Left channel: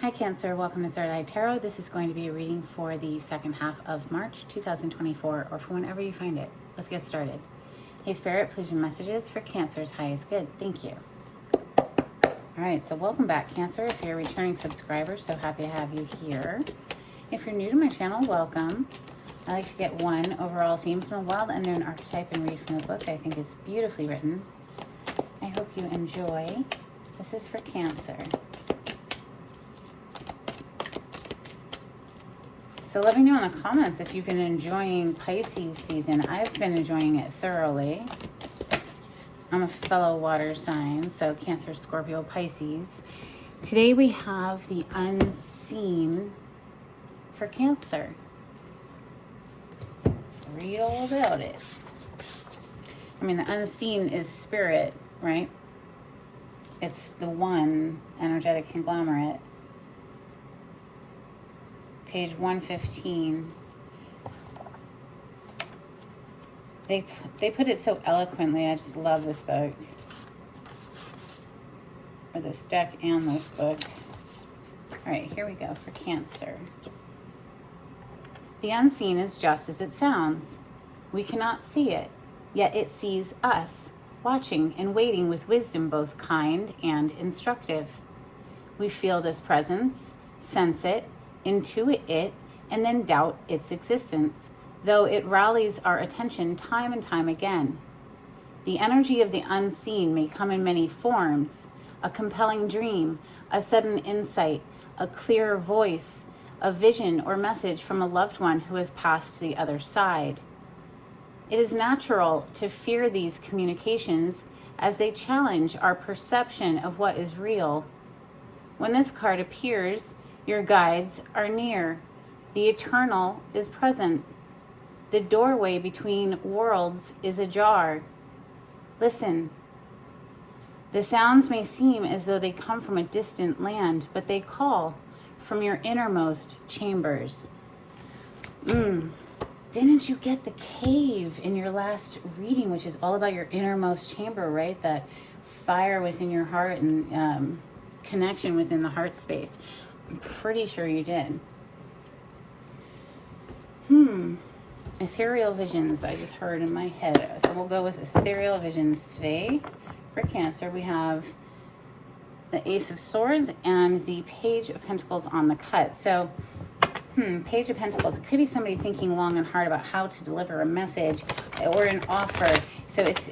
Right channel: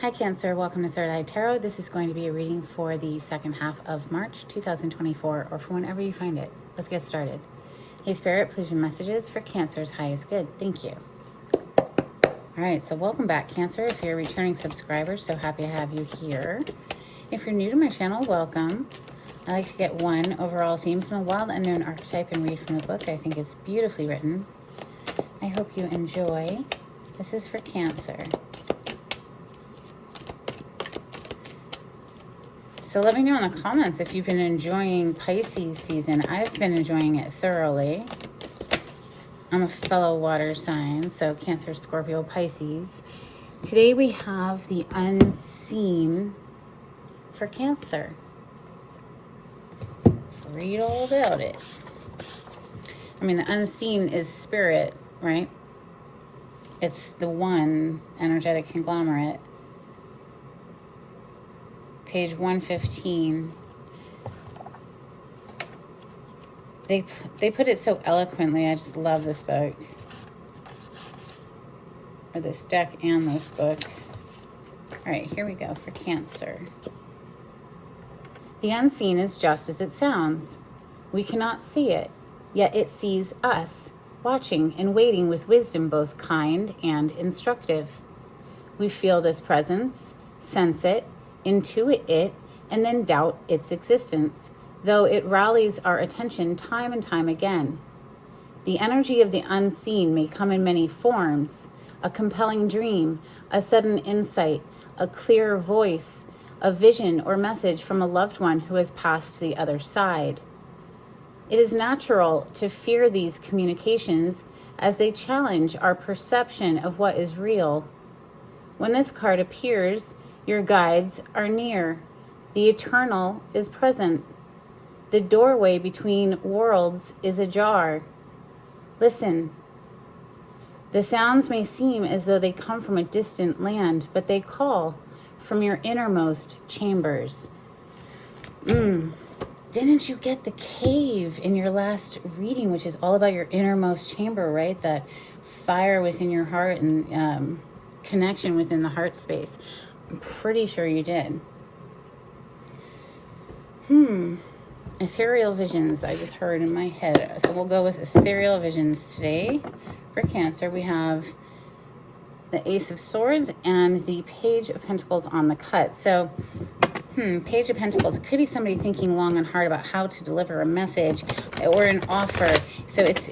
Hi Cancer, welcome to Third Eye Tarot. This is going to be a reading for the second half of March 2024, or for whenever you find it. Let's get started. Hey Spirit, please read messages for Cancer's highest good. Thank you. All right, so welcome back Cancer. If you're a returning subscriber, so happy to have you here. If you're new to my channel, welcome. I like to get one overall theme from a wild unknown archetype and read from the book. I think it's beautifully written. I hope you enjoy. This is for Cancer. So let me know in the comments if you've been enjoying Pisces season. I've been enjoying it thoroughly. I'm a fellow water sign, so Cancer, Scorpio, Pisces. Today we have the unseen for Cancer. Let's read all about it. I mean, the unseen is spirit, right? It's the one energetic conglomerate. Page 115. They put it so eloquently. I just love this book. Or this deck and this book. All right, here we go for Cancer. The unseen is just as it sounds. We cannot see it, yet it sees us, watching and waiting with wisdom both kind and instructive. We feel this presence, sense it, intuit it, and then doubt its existence, though it rallies our attention time and time again. The energy of the unseen may come in many forms: a compelling dream, a sudden insight, a clear voice, a vision or message from a loved one who has passed to the other side. It is natural to fear these communications as they challenge our perception of what is real. When this card appears, your guides are near. The eternal is present. The doorway between worlds is ajar. Listen. The sounds may seem as though they come from a distant land, but they call from your innermost chambers. Didn't you get the cave in your last reading, which is all about your innermost chamber, right? That fire within your heart and connection within the heart space. I'm pretty sure you did. Ethereal visions, I just heard in my head. So we'll go with ethereal visions today. For Cancer, we have the Ace of Swords and the Page of Pentacles on the cut. So, Page of Pentacles, it could be somebody thinking long and hard about how to deliver a message or an offer. So it's,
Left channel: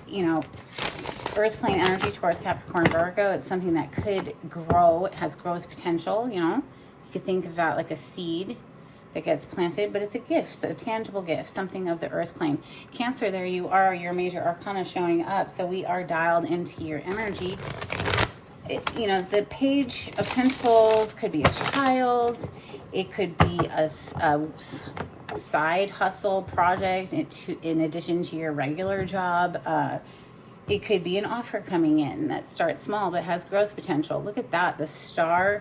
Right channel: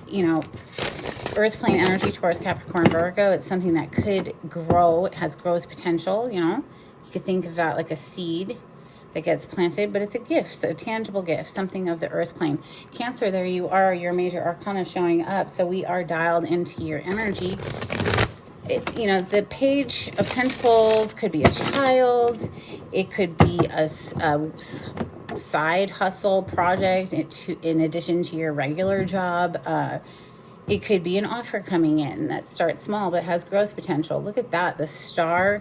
Earth plane energy, Taurus, Capricorn, Virgo. It's something that could grow. It has growth potential, You could think of that like a seed that gets planted, but it's a gift, so a tangible gift, something of the earth plane. Cancer, there you are, your major arcana showing up. So we are dialed into your energy. The Page of Pentacles could be a child. It could be a side hustle project in addition to your regular job. It could be an offer coming in that starts small but has growth potential. Look at that, the star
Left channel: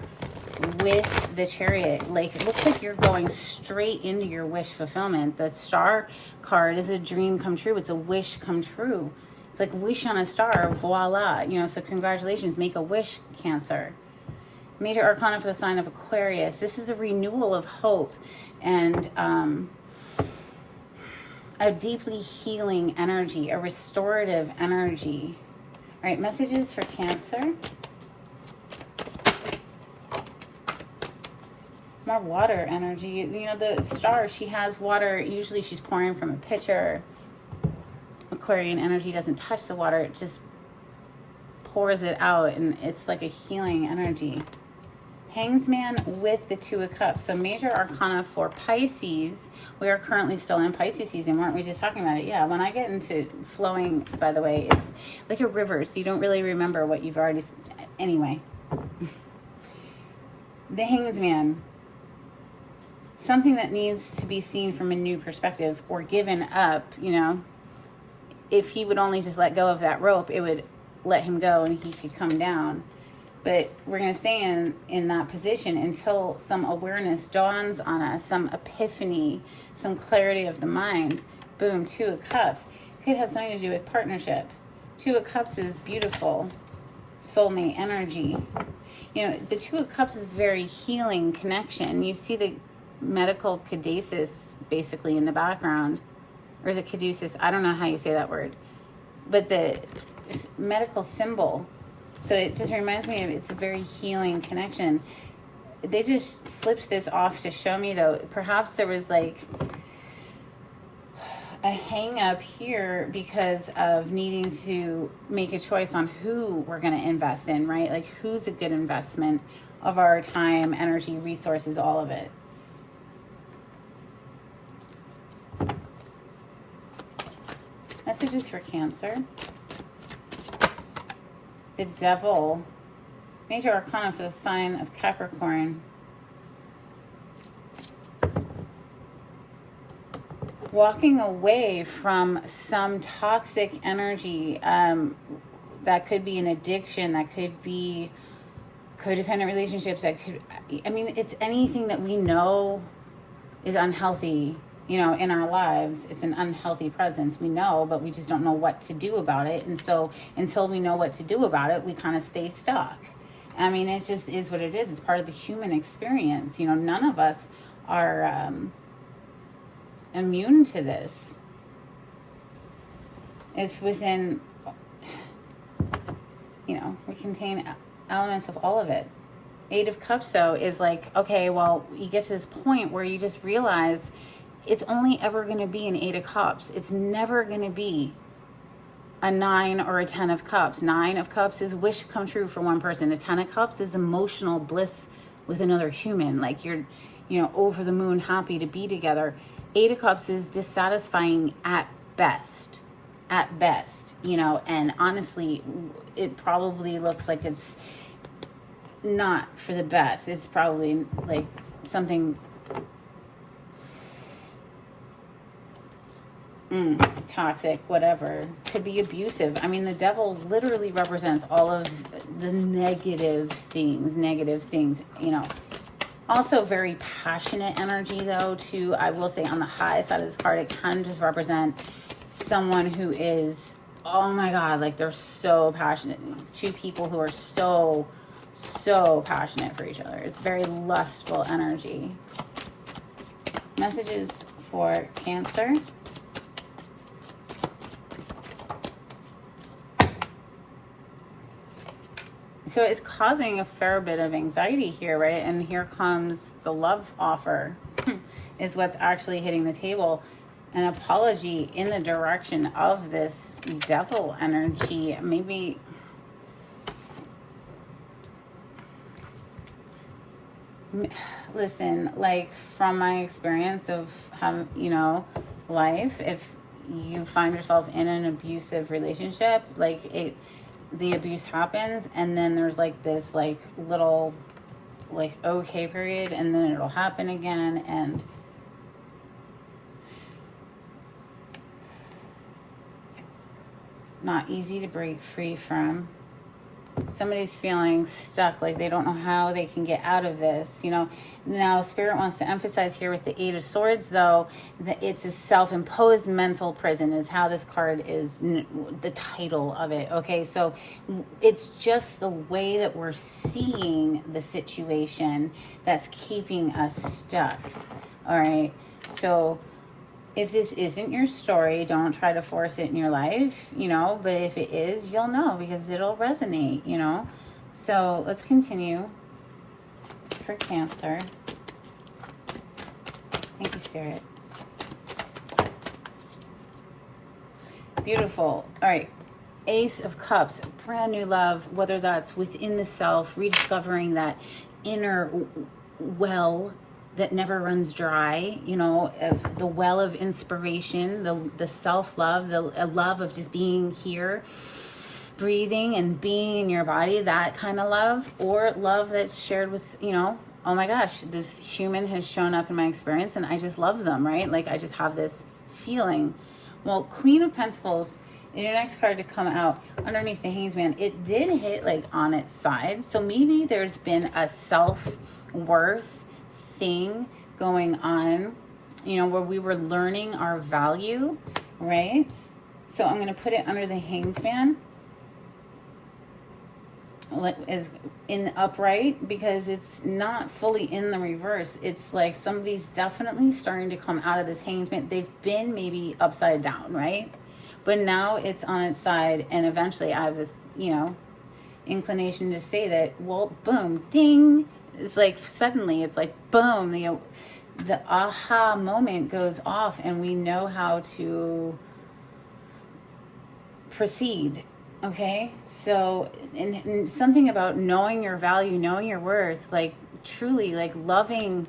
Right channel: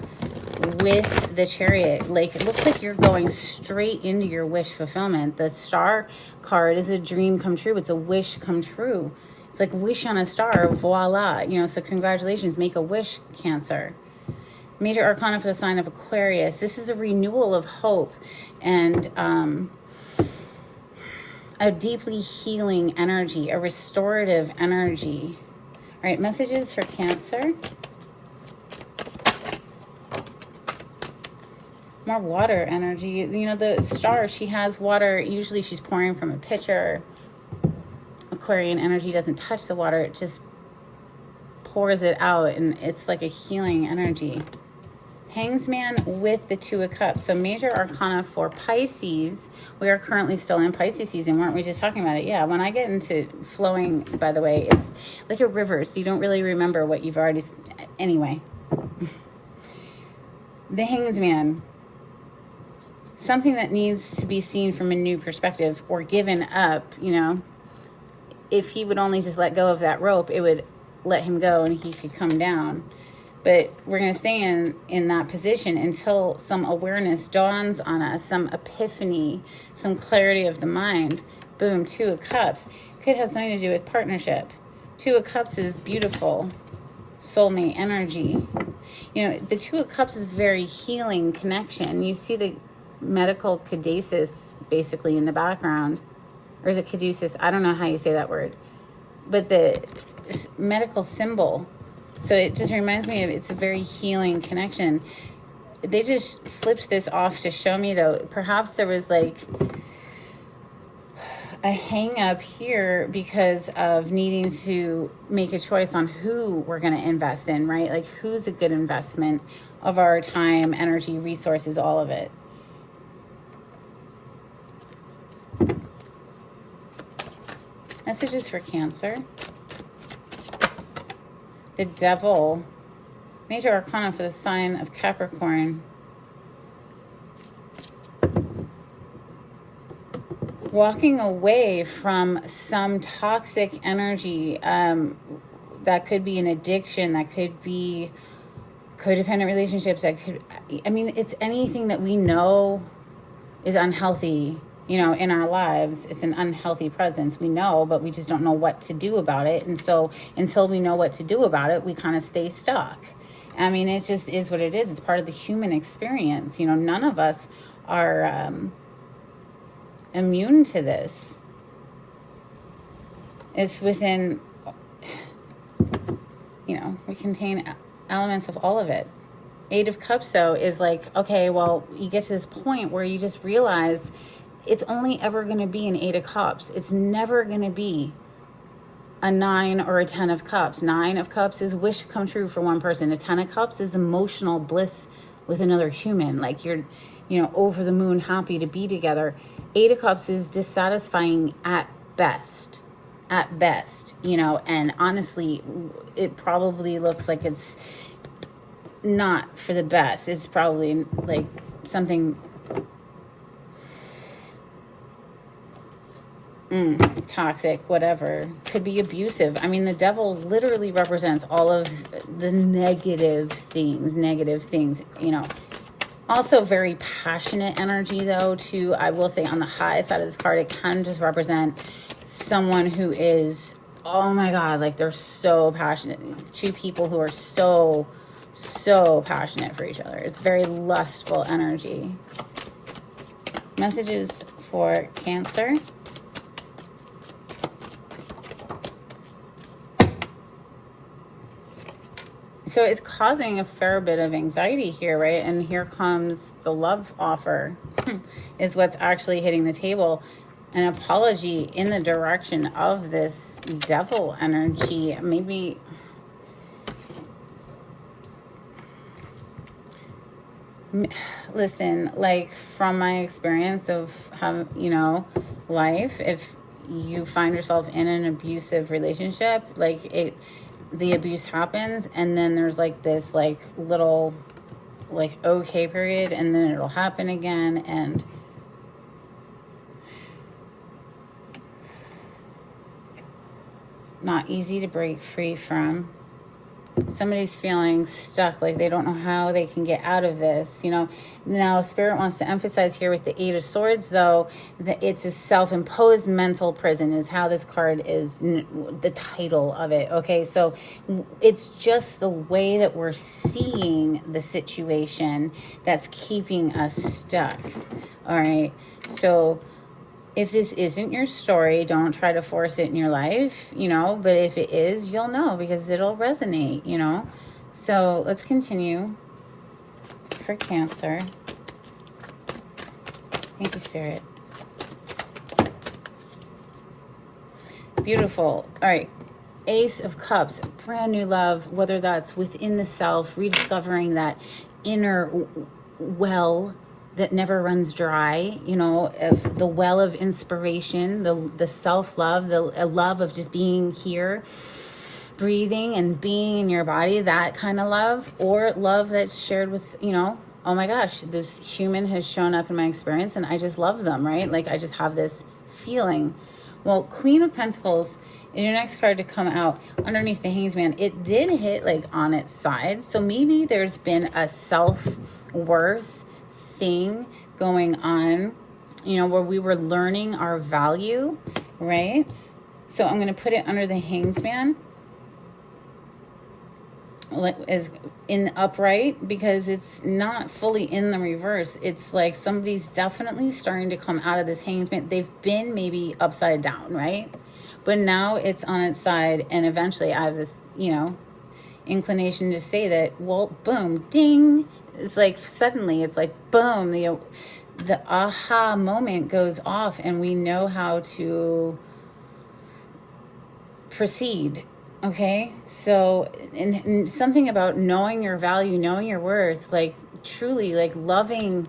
with the chariot. Like, it looks like you're going straight into your wish fulfillment. The star card is a dream come true. It's a wish come true. It's like wish on a star, voila. So congratulations, make a wish, Cancer. Major arcana for the sign of Aquarius. This is a renewal of hope and a deeply healing energy, a restorative energy. All right, messages for Cancer. More water energy. The star, she has water. Usually she's pouring from a pitcher. Aquarian energy doesn't touch the water. It just pours it out, and it's like a healing energy. Hanged Man with the Two of Cups. So major arcana for Pisces. We are currently still in Pisces season. Weren't we just talking about it? Yeah, when I get into flowing, by the way, it's like a river, so you don't really remember what you've already... Anyway. The Hanged Man. Something that needs to be seen from a new perspective or given up, If he would only just let go of that rope, it would let him go and he could come down. But we're going to stay in that position until some awareness dawns on us, some epiphany, some clarity of the mind. Boom, Two of Cups. Could have something to do with partnership. Two of Cups is beautiful. soulmate energy. You know, the Two of Cups is very healing connection. You see the medical caduceus basically in the background. Or is it caduceus? I don't know how you say that word. But the medical symbol. So it just reminds me of, it's a very healing connection. They just flipped this off to show me, though, perhaps there was like a hang up here because of needing to make a choice on who we're going to invest in, right? Like, who's a good investment of our time, energy, resources, all of it. Messages for Cancer. The Devil. Major Arcana for the sign of Capricorn. Walking away from some toxic energy. That could be an addiction. That could be codependent relationships. That could, I mean, it's anything that we know is unhealthy, you know, in our lives. It's an unhealthy presence. We know, but we just don't know what to do about it. And so until we know what to do about it, we kind of stay stuck. I mean, it just is what it is. It's part of the human experience. You know, none of us are immune to this. It's within, you know, we contain elements of all of it. Eight of Cups, though, is like, okay, well, you get to this point where you just realize it's only ever going to be an Eight of Cups. It's never going to be a 9 or a 10 of Cups. 9 of Cups is wish come true for one person. A 10 of Cups is emotional bliss with another human. Like, you're, you know, over the moon, happy to be together. 8 of Cups is dissatisfying at best. At best, you know, and honestly, it probably looks like it's not for the best. It's probably like something toxic, whatever. Could be abusive. I mean, the Devil literally represents all of the negative things, you know. Also very passionate energy, though, too. I will say on the high side of this card, it can just represent someone who is, oh my God, like they're so passionate. Two people who are so passionate for each other. It's very lustful energy. Messages for Cancer. So it's causing a fair bit of anxiety here, right? And here comes the love offer is what's actually hitting the table. An apology in the direction of this Devil energy. Maybe listen, like from my experience of how, you know, life, if you find yourself in an abusive relationship, like the abuse happens, and then there's like this like little like okay period, and then it'll happen again, and not easy to break free from. Somebody's feeling stuck, like they don't know how they can get out of this, you know. Now Spirit wants to emphasize here with the Eight of Swords, though, that it's a self-imposed mental prison is how this card is, the title of it. Okay, so it's just the way that we're seeing the situation that's keeping us stuck. All right, so if this isn't your story, don't try to force it in your life, you know, but if it is, you'll know because it'll resonate, you know. So let's continue for Cancer. Thank you, Spirit. Beautiful. All right. Ace of Cups, brand new love, whether that's within the self, rediscovering that inner well that never runs dry, you know, of the well of inspiration, the self-love, the love of just being here, breathing and being in your body, that kind of love, or love that's shared with, you know, oh my gosh, this human has shown up in my experience and I just love them, right? Like I just have this feeling. Well, Queen of Pentacles is your next card to come out underneath the Hanged Man. It did hit like on its side. So maybe there's been a self-worth thing going on, you know, where we were learning our value, right? So I'm going to put it under the Hanged Man. is in upright, because it's not fully in the reverse. It's like somebody's definitely starting to come out of this Hanged Man. They've been maybe upside down, right? But now it's on its side, and eventually I have this, inclination to say that, well, boom, ding. It's like suddenly it's like boom, the aha moment goes off, and we know how to proceed. Okay, so and something about knowing your value, knowing your worth, like truly like loving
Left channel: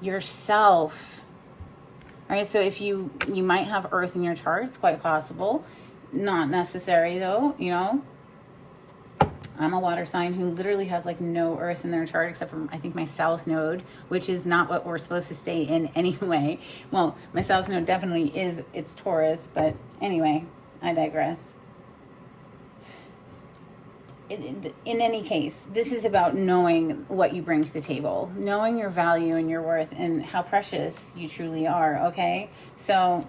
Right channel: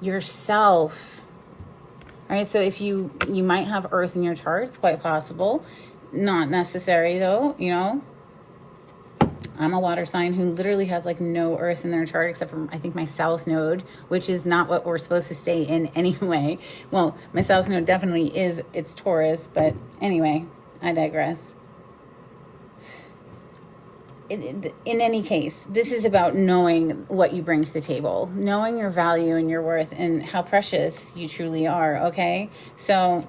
yourself. All right, so if you might have Earth in your chart, it's quite possible, not necessary though. I'm a water sign who literally has like no Earth in their chart except for I think my South Node, which is not what we're supposed to stay in anyway. Well, my South Node definitely is, it's Taurus, but anyway, I digress. In any case, this is about knowing what you bring to the table, knowing your value and your worth and how precious you truly are, okay? So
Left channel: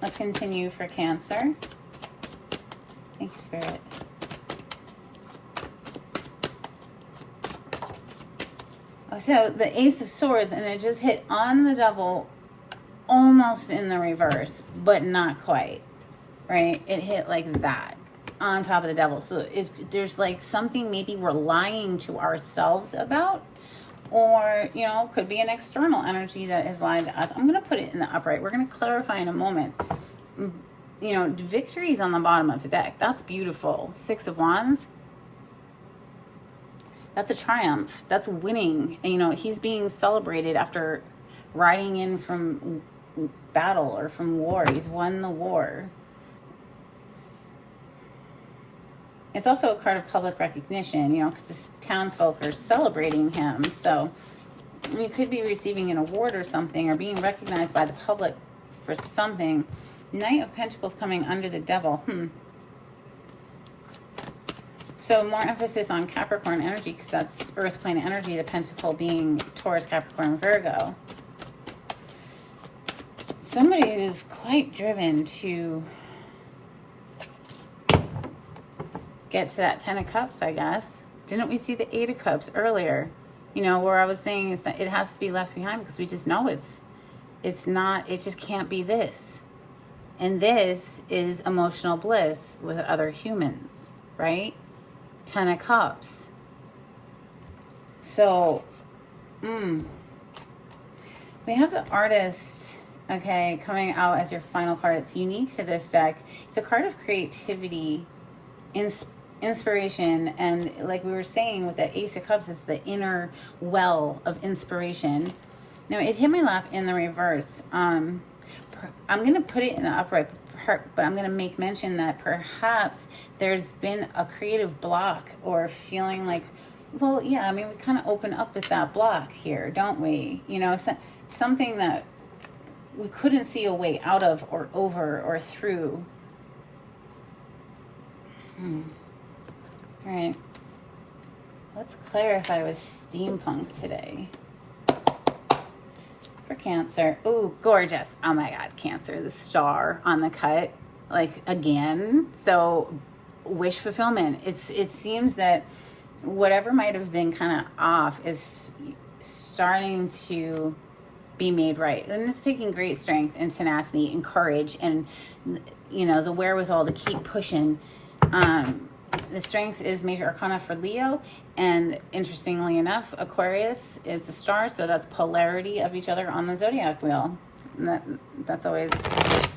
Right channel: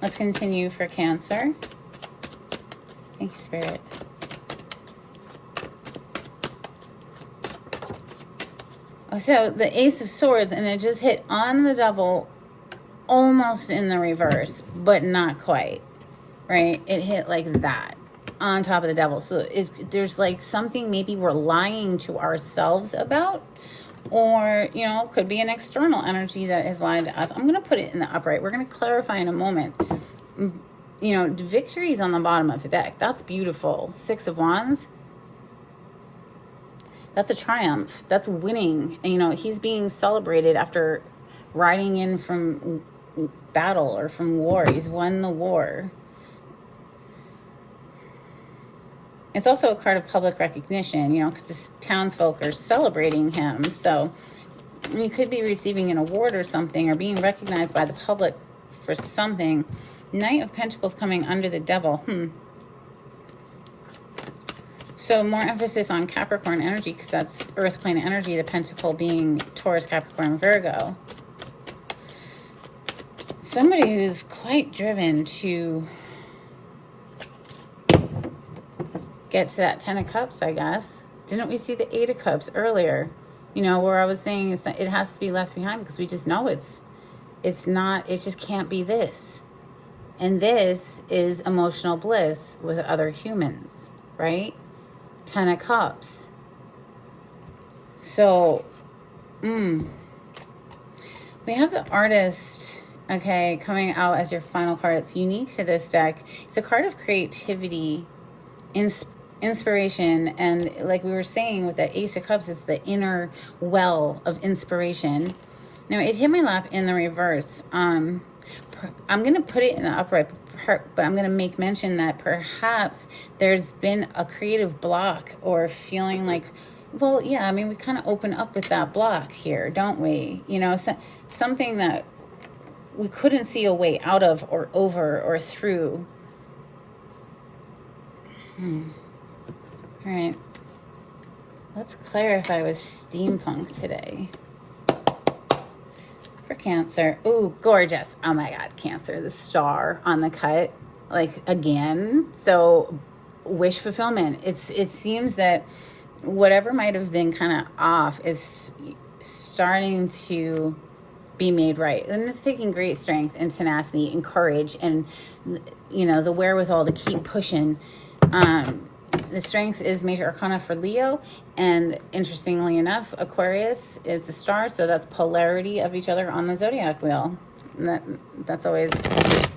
let's continue for Cancer. Thank you, Spirit. So the Ace of Swords, and it just hit on the Devil, almost in the reverse, but not quite, right? It hit like that on top of the Devil. So there's like something maybe we're lying to ourselves about, or could be an external energy that is lying to us. I'm going to put it in the upright. We're going to clarify in a moment. Victory's on the bottom of the deck. That's beautiful. Six of Wands. That's a triumph. That's winning. He's being celebrated after riding in from battle or from war. He's won the war. It's also a card of public recognition, because the townsfolk are celebrating him. So you could be receiving an award or something, or being recognized by the public for something. Knight of Pentacles coming under the Devil. So more emphasis on Capricorn energy, because that's Earth plane energy, the Pentacle being Taurus, Capricorn, Virgo. Somebody who's quite driven to get to that 10 of Cups, I guess. Didn't we see the 8 of Cups earlier? Where I was saying it has to be left behind, because we just know it's not, it just can't be this. And this is emotional bliss with other humans, right? 10 of Cups. So, we have the Artist, okay, coming out as your final card. It's unique to this deck. It's a card of creativity, inspiration, and like we were saying with the Ace of Cups, it's the inner well of inspiration. Now, it hit my lap in the reverse. I'm going to put it in the upright, but I'm going to make mention that perhaps there's been a creative block, or feeling like, well, yeah, we kind of open up with that block here, don't we? Something that we couldn't see a way out of, or over, or through. All right. Let's clarify with steampunk today. For Cancer. Ooh, gorgeous. Oh my God, Cancer, the star on the cut, like again. So wish fulfillment. It seems that whatever might have been kind of off is starting to be made right. And it's taking great strength and tenacity and courage, and the wherewithal to keep pushing. The strength is Major Arcana for Leo, and interestingly enough, Aquarius is the star, so that's polarity of each other on the zodiac wheel. That's always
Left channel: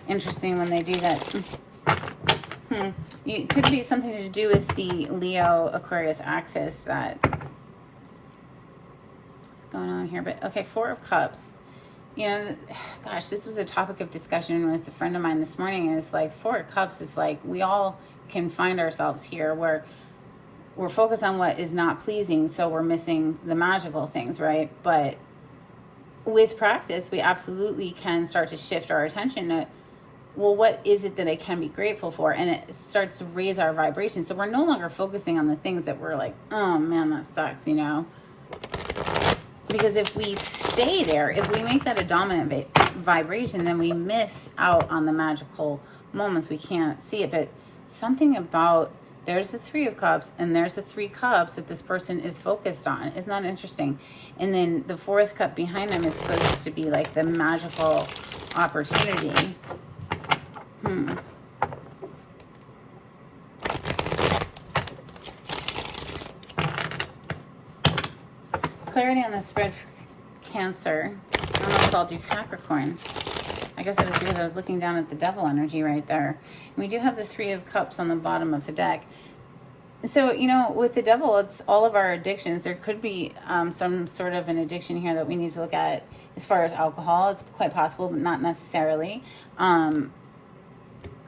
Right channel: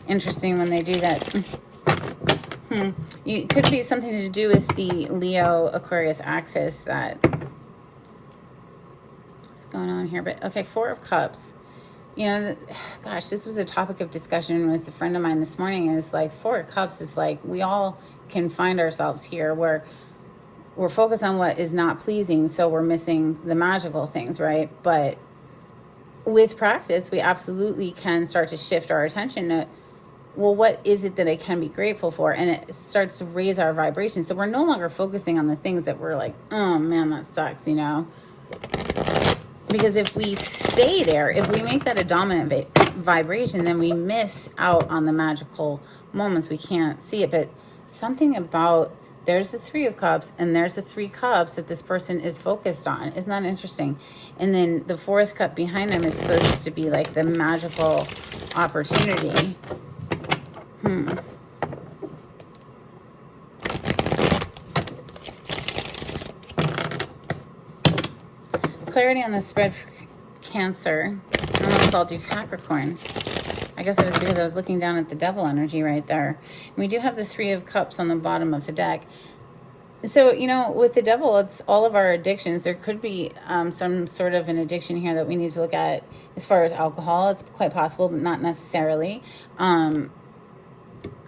interesting when they do that. It could be something to do with the Leo Aquarius axis that's going on here. But okay, 4 of Cups. Gosh, this was a topic of discussion with a friend of mine this morning, and it's like 4 of Cups is like we all can find ourselves here where we're focused on what is not pleasing, so we're missing the magical things, right? But with practice, we absolutely can start to shift our attention to, well, what is it that I can be grateful for? And it starts to raise our vibration. So we're no longer focusing on the things that we're like, oh man, that sucks, Because if we stay there, if we make that a dominant vibration, then we miss out on the magical moments. We can't see it. But something about there's the Three of Cups, and there's the Three Cups that this person is focused on. Isn't that interesting? And then the fourth cup behind them is supposed to be like the magical opportunity. Clarity on the spread for Cancer. I almost called you Capricorn. I guess it was because I was looking down at the Devil energy right there. We do have the Three of Cups on the bottom of the deck. So, you know, with the Devil, it's all of our addictions. There could be some sort of an addiction here that we need to look at as far as alcohol. It's quite possible, but not necessarily. I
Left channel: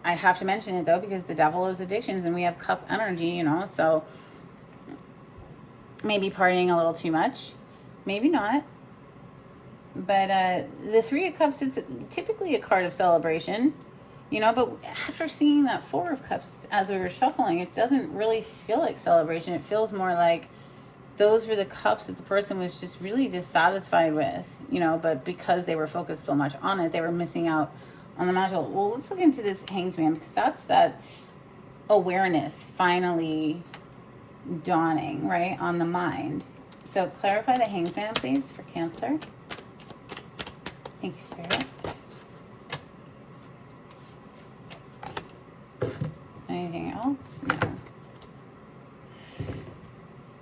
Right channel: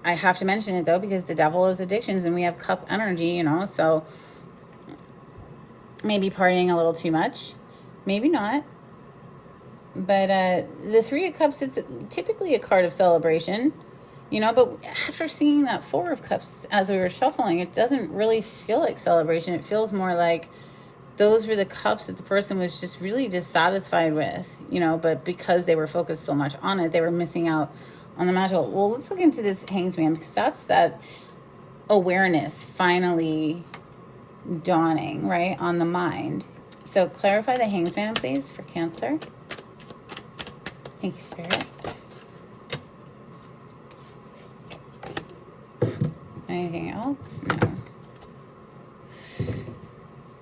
have to mention it, though, because the Devil is addictions, and we have cup energy, you know, so maybe partying a little too much. Maybe not. But the Three of Cups, it's typically a card of celebration, you know, but after seeing that Four of Cups as we were shuffling, it doesn't really feel like celebration. It feels more like those were the cups that the person was just really dissatisfied with, you know, but because they were focused so much on it, they were missing out on the magical. Well, let's look into this Hanged Man, because that's that awareness finally dawning, right, on the mind. So clarify the Hanged Man, please, for Cancer. Thank you, Spirit. Anything else? No.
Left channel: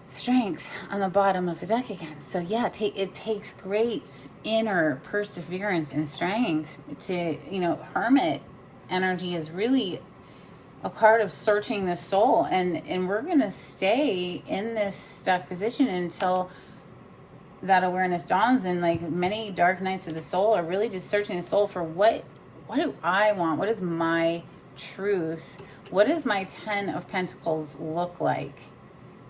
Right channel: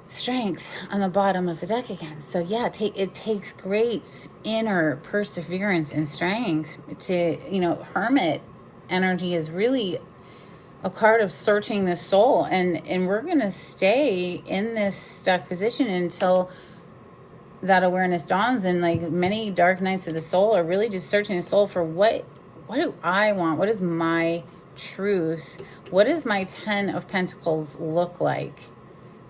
Strength on the bottom of the deck again. So yeah, it takes great inner perseverance and strength to, you know, Hermit energy is really a card of searching the soul, and we're gonna stay in this stuck position until that awareness dawns. And like many dark nights of the soul are really just searching the soul for what do I want? What is my truth? What does my 10 of Pentacles look like?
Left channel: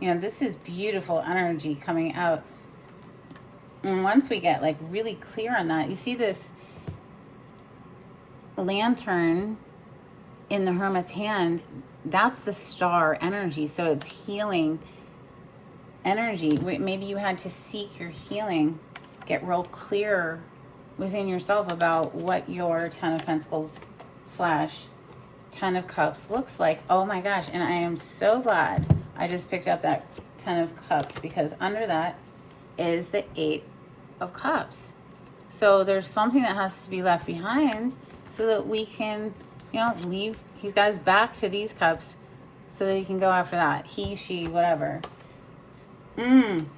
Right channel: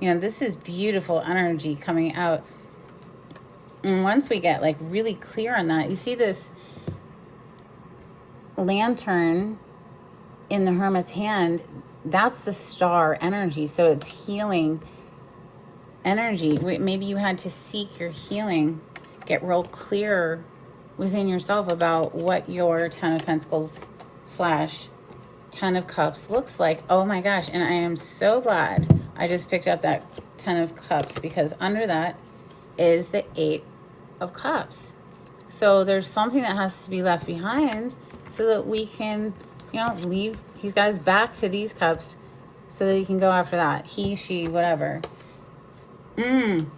You know, this is beautiful energy coming out. And once we get like really clear on that, you see this lantern in the Hermit's hand, that's the star energy. So it's healing energy. Maybe you had to seek your healing, get real clear within yourself about what your 10 of Pentacles / 10 of Cups looks like. Oh my gosh. And I am so glad I just picked up that 10 of Cups, because under that is the 8 of Cups. So there's something that has to be left behind so that we can, you know, leave. He's got his back to these cups so that he can go after that. He, she, whatever.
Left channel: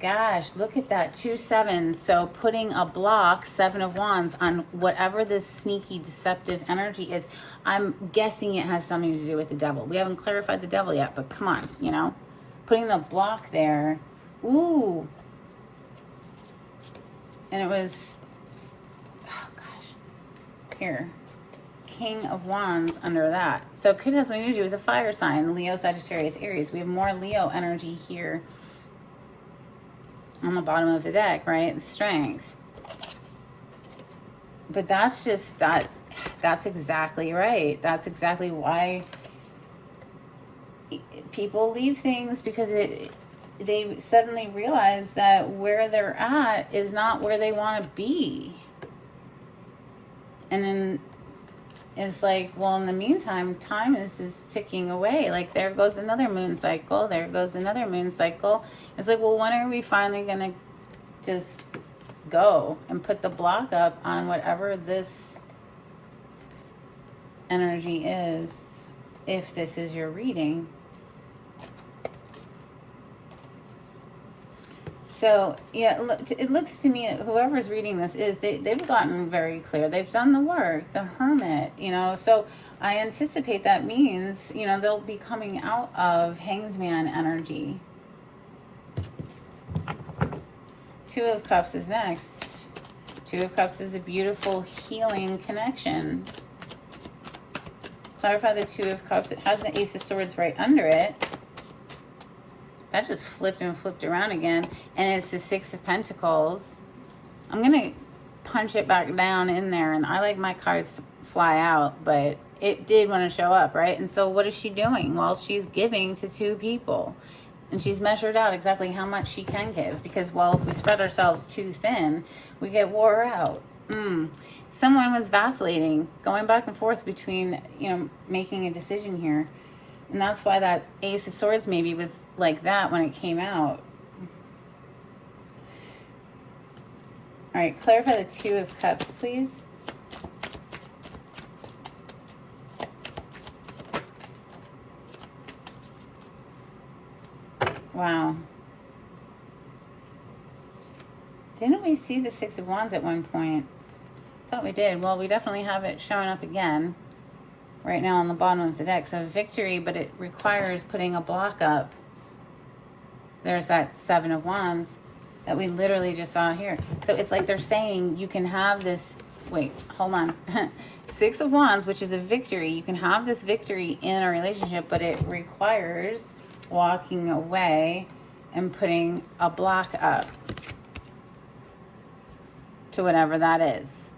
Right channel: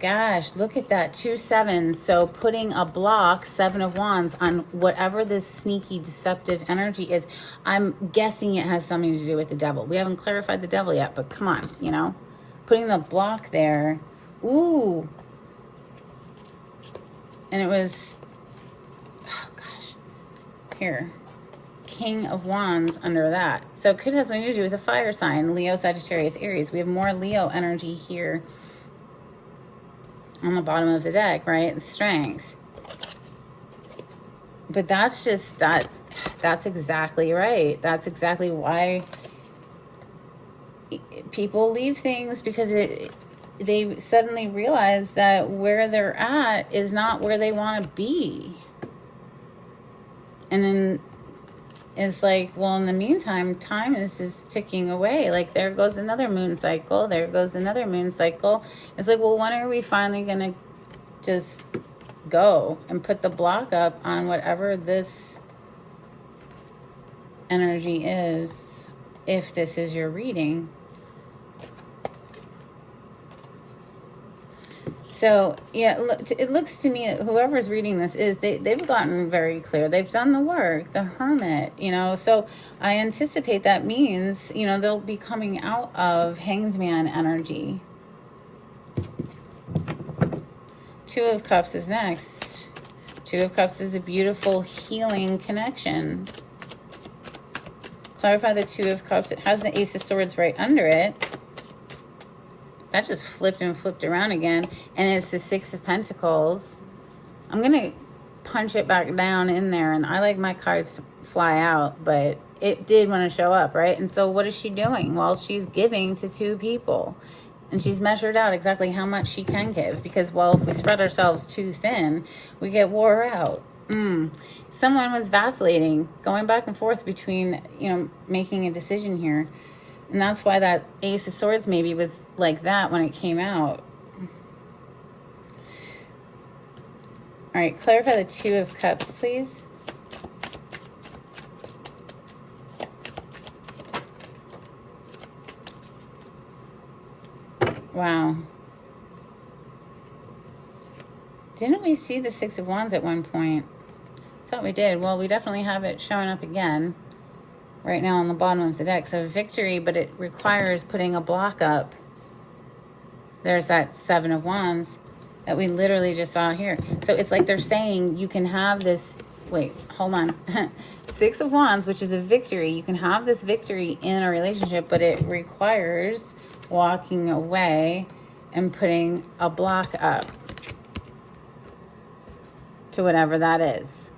Gosh, look at that. 2 7s. So putting a block, 7 of Wands, on whatever this sneaky, deceptive energy is. I'm guessing it has something to do with the Devil. We haven't clarified the Devil yet, but come on, you know. Putting the block there. Ooh. And it was, oh gosh. Here. King of Wands under that. So it could have something to do with a fire sign. Leo, Sagittarius, Aries. We have more Leo energy here on the bottom of the deck, right? Strength. But that's just that's exactly right. That's exactly why people leave things, because they suddenly realize that where they're at is not where they want to be. And then it's like, well, in the meantime, time is just ticking away. Like, there goes another moon cycle. There goes another moon cycle. It's like, well, when are we finally going to just go and put the block up on whatever this energy is, if this is your reading? So, yeah, it looks to me, whoever's reading this they've gotten very clear. They've done the work, the Hermit, you know. So I anticipate that means, you know, they'll be coming out of Hanged Man energy. 2 of Cups is next. 2 of Cups is a beautiful healing connection. Clarify the 2 of Cups. It has the Ace of Swords right under it. That just flipped and flipped around again. And it's the 6 of Pentacles. I'm going to punch it back down in there. And I like my cards to fly out, but it did want to show up, right? And so what is she doing? Well, she's giving to 2 people. And she's measured out exactly how much she can give. Because, well, if we spread ourselves too thin, we get wore out. Someone was vacillating, going back and forth between, you know, making a decision here. And that's why that Ace of Swords maybe was like that when it came out. All right, clarify the Two of Cups, please. Wow. Didn't we see the Six of Wands at one point? I thought we did. Well, we definitely have it showing up again right now on the bottom of the deck. So victory, but it requires putting a block up. There's that Seven of Wands that we literally just saw here. So it's like they're saying you can have this, wait, hold on. Six of Wands, which is a victory. You can have this victory in a relationship, but it requires walking away and putting a block up to whatever that is.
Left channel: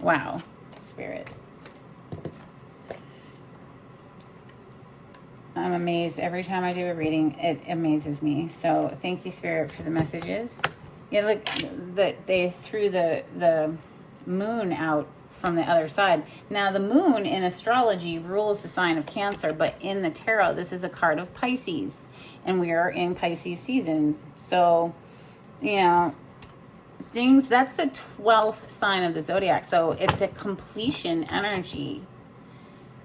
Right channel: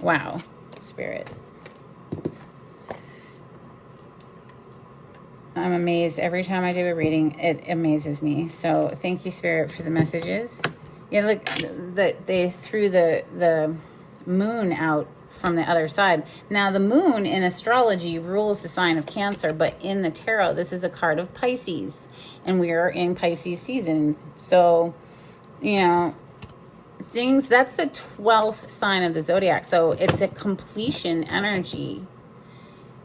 Wow, Spirit. I'm amazed every time I do a reading. It amazes me. So thank you, Spirit, for the messages. Yeah, look, that they threw the moon out from the other side. Now, the moon in astrology rules the sign of Cancer, but in the tarot, this is a card of Pisces, and we are in Pisces season. So, you know, things, that's the 12th sign of the zodiac. So it's a completion energy.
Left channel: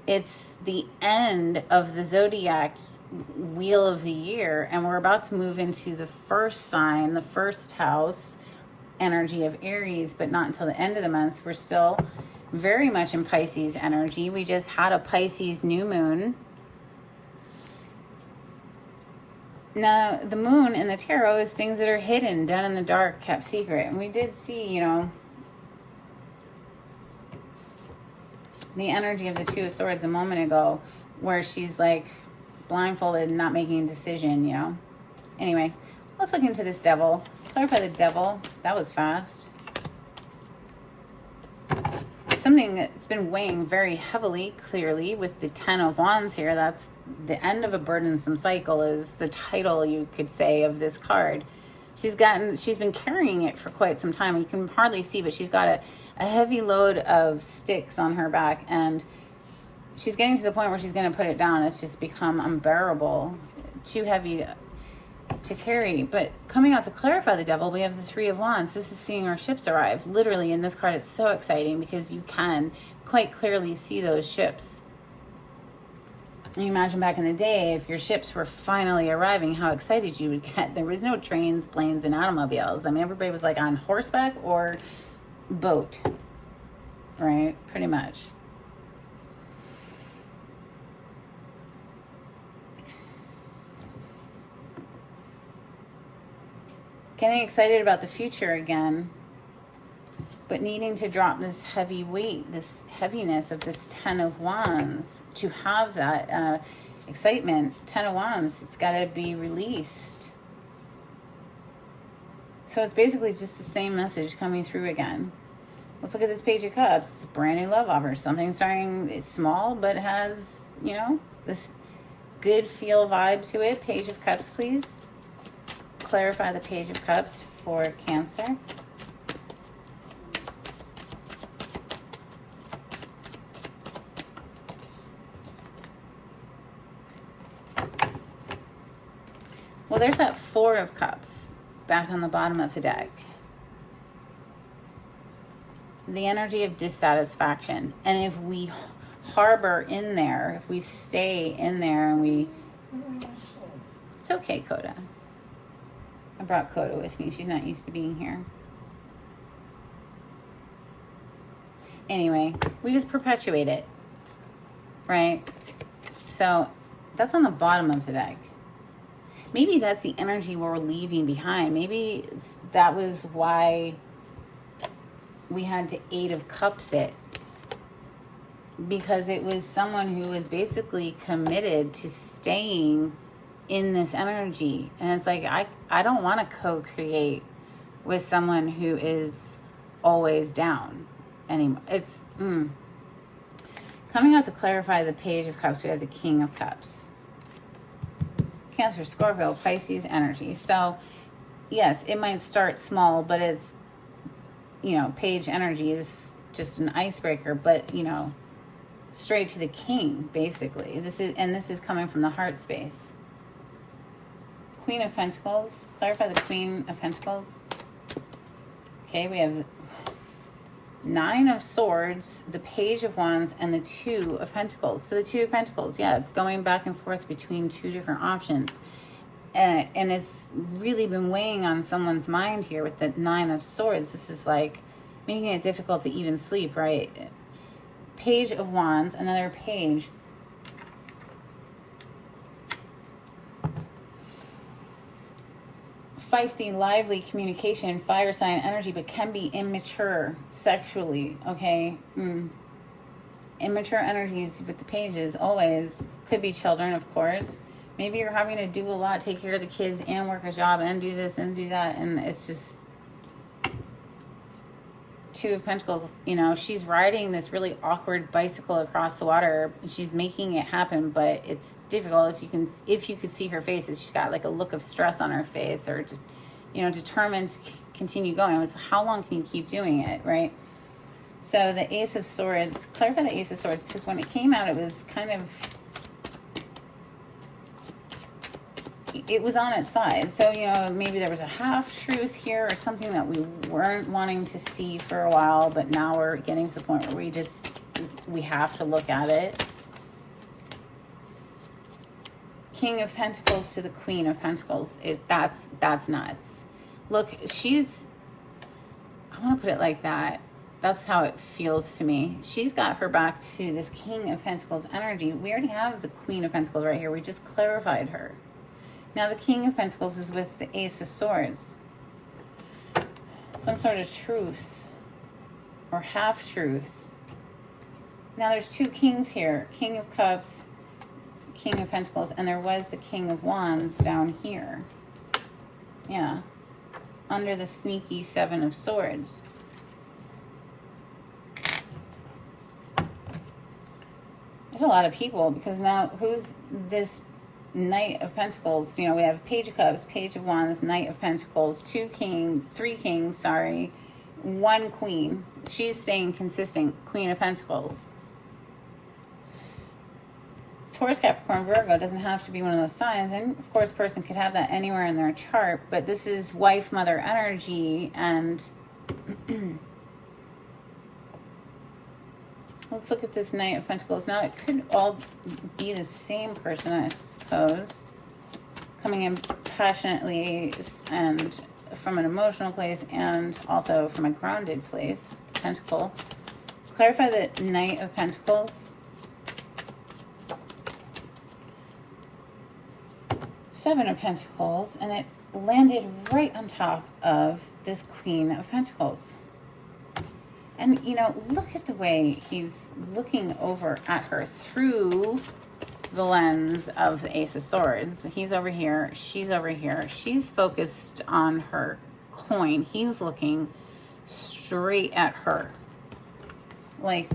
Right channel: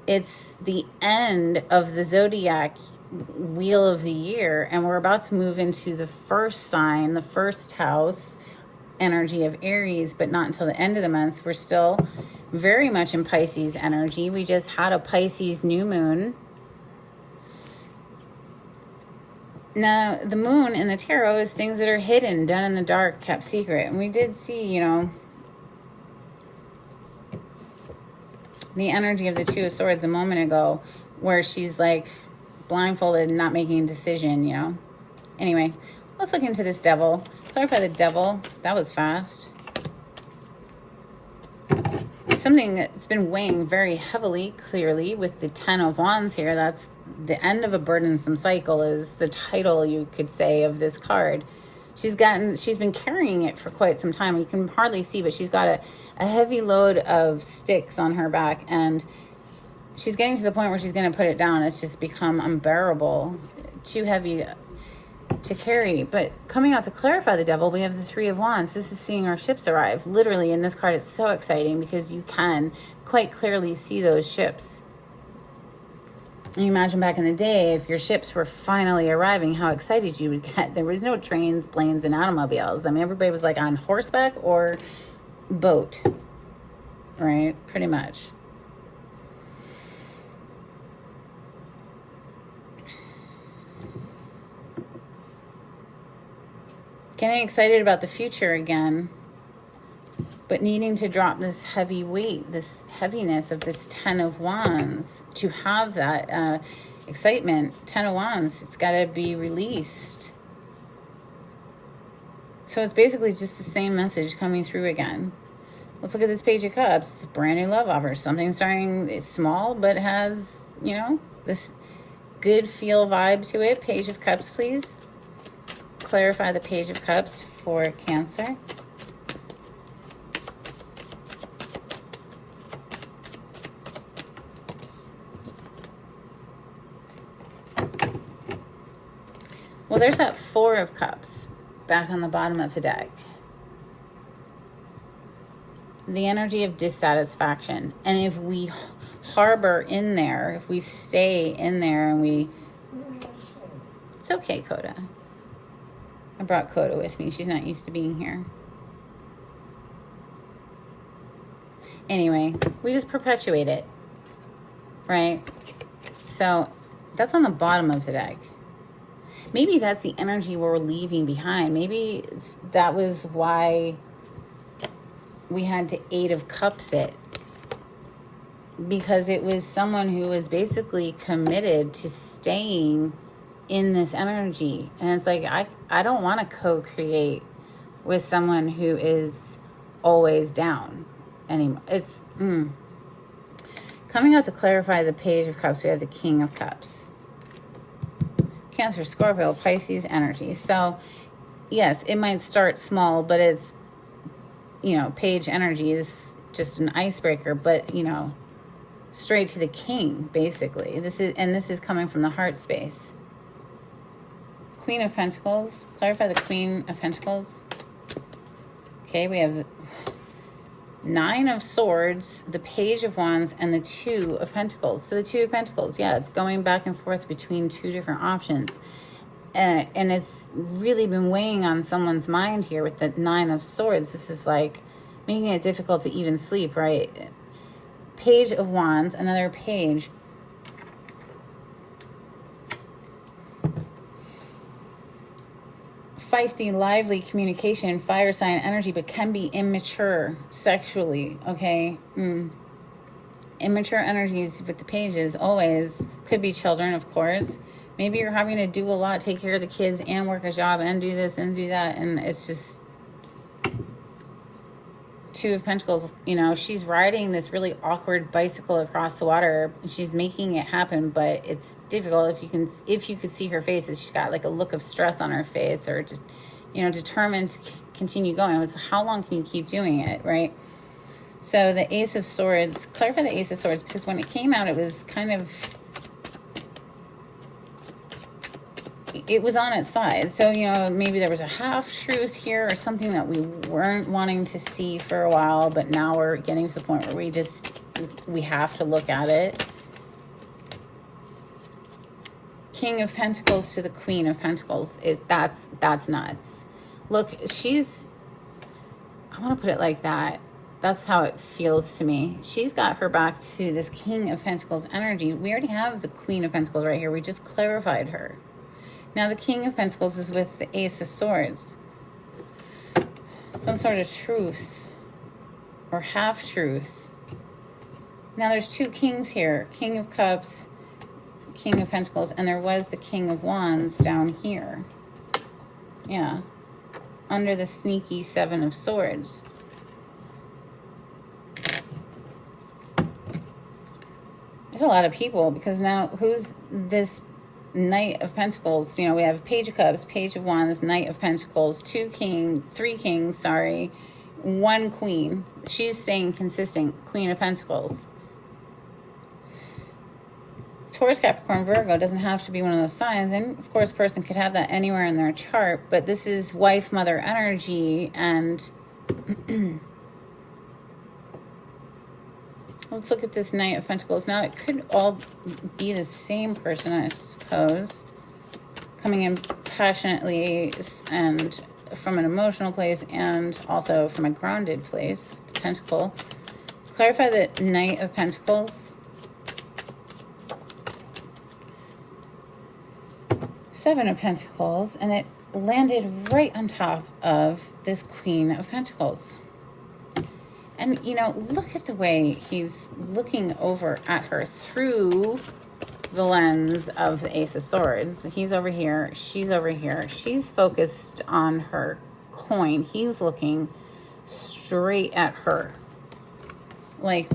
It's the end of the zodiac wheel of the year, and we're about to move into the first sign, the first house energy of Aries, but not until the end of the month. We're still very much in Pisces energy. We just had a Pisces new moon. Now, the moon in the tarot is things that are hidden, done in the dark, kept secret. And we did see, you know, the energy of the Two of Swords a moment ago, where she's like blindfolded and not making a decision, you know. Anyway, let's look into this Devil. Clarify the Devil. That was fast. Something that's been weighing very heavily, clearly, with the Ten of Wands here. That's the end of a burdensome cycle, is the title, you could say, of this card. She's been carrying it for quite some time. You can hardly see, but she's got a heavy load of sticks on her back, and she's getting to the point where she's going to put it down. It's just become unbearable, too heavy to carry. But coming out to clarify the Devil, we have the Three of Wands. This is seeing our ships arrive. Literally, in this card, it's so exciting because you can quite clearly see those ships. You imagine back in the day, if your ships were finally arriving, how excited you would get. There was no trains, planes, and automobiles. I mean, everybody was like on horseback or boat, right? Pretty much. Getting excited about the future again, but needing to drop this heavy weight, this heaviness of this Ten of Wands to have that excitement. Ten of Wands, it's got to be released. So it's basically just the same message coming through again. Let's look at this Page of Cups. It's a brand new love offer. Something starting, it's small, but has, you know, this good feel vibe to it. Page of Cups, please. Clarify the Page of Cups for Cancer. Well, there's that Four of Cups back on the bottom of the deck. The energy of dissatisfaction. And if we harbor in there, if we stay in there and we... It's okay, Coda. I brought Coda with me. She's not used to being here. Anyway, we just perpetuate it, right? So that's on the bottom of the deck. Maybe that's the energy we're leaving behind. Maybe that was why we had to Eight of Cups it. Because it was someone who was basically committed to staying in this energy. And it's like, I don't want to co-create with someone who is always down anymore. It's coming out to clarify the Page of Cups. We have the King of Cups. Cancer, Scorpio, Pisces energy. So yes, it might start small, but it's, you know, Page energy is just an icebreaker. But, you know, straight to the king, basically. This is coming from the heart space. Queen of Pentacles. Clarify the Queen of Pentacles. Okay, we have the Nine of Swords, the Page of Wands, and the Two of Pentacles. So the Two of Pentacles, yeah, it's going back and forth between two different options. And it's really been weighing on someone's mind here with the Nine of Swords. This is like making it difficult to even sleep, right? Page of Wands, another page. Feisty, lively communication, fire sign energy, but can be immature sexually, okay? Immature energies with the pages always. Could be children, of course. Maybe you're having to do a lot, take care of the kids and work a job and do this and do that, and it's just Two of Pentacles. You know, she's riding this really awkward bicycle across the water. She's making it happen, but it's difficult. If you could see her face, she's got like a look of stress on her face, or just, you know, determined to continue going. It's how long can you keep doing it, right? So the Ace of Swords, clarify the Ace of Swords, because when it came out, it was kind of, it was on its side. So, you know, maybe there was a half truth here or something that we weren't wanting to see for a while, but now we're getting to the point where we have to look at it. King of Pentacles to the Queen of Pentacles that's nuts. Look, I want to put it like that. That's how it feels to me. She's got her back to this King of Pentacles energy. We already have the Queen of Pentacles right here. We just clarified her. Now the King of Pentacles is with the Ace of Swords. Some sort of truth or half-truth. Now there's two kings here. King of Cups, King of Pentacles, and there was the King of Wands down here. Yeah. Under the sneaky Seven of Swords. There's a lot of people, because now who's this Knight of Pentacles? You know, we have Page of Cups, Page of Wands, Knight of Pentacles, three kings, sorry, one queen. She's staying consistent, Queen of Pentacles. Taurus, Capricorn, Virgo doesn't have to be one of those signs, and of course, a person could have that anywhere in their chart, but this is wife, mother energy, and let's look at this Knight of Pentacles. Now, it could all be the same person, I suppose, coming in passionately and from an emotional place, and also from a grounded place. The Pentacle. Clarify the Knight of Pentacles. Seven of Pentacles, and it landed right on top of this Queen of Pentacles. And, you know, look at the way he's looking over at her through the lens of the Ace of Swords. He's over here. She's over here. She's focused on her coin. He's looking straight at her. Like,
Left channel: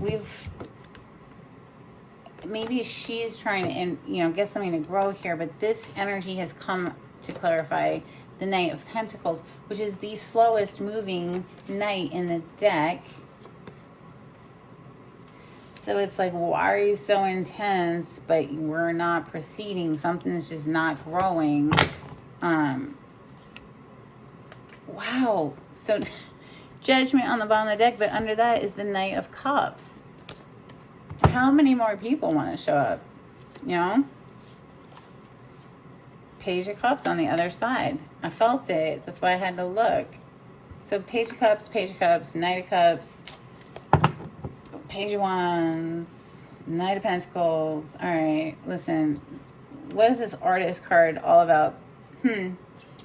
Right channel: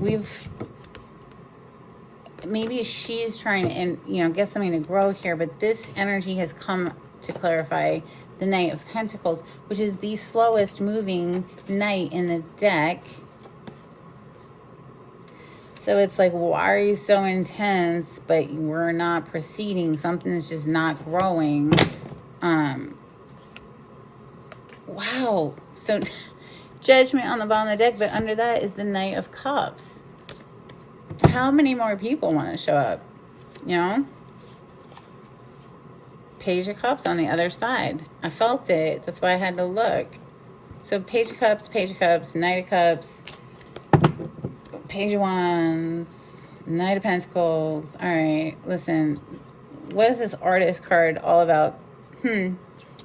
maybe she's trying to, you know, get something to grow here, but this energy has come to clarify the Knight of Pentacles, which is the slowest moving knight in the deck. So it's like, why are you so intense, but we're not proceeding? Something's just not growing. Wow. So Judgment on the bottom of the deck, but under that is the Knight of Cups. How many more people want to show up? You know? Page of Cups on the other side. I felt it. That's why I had to look. So Page of Cups, Knight of Cups, Page of Wands, Knight of Pentacles. All right, listen. What is this Artist card all about?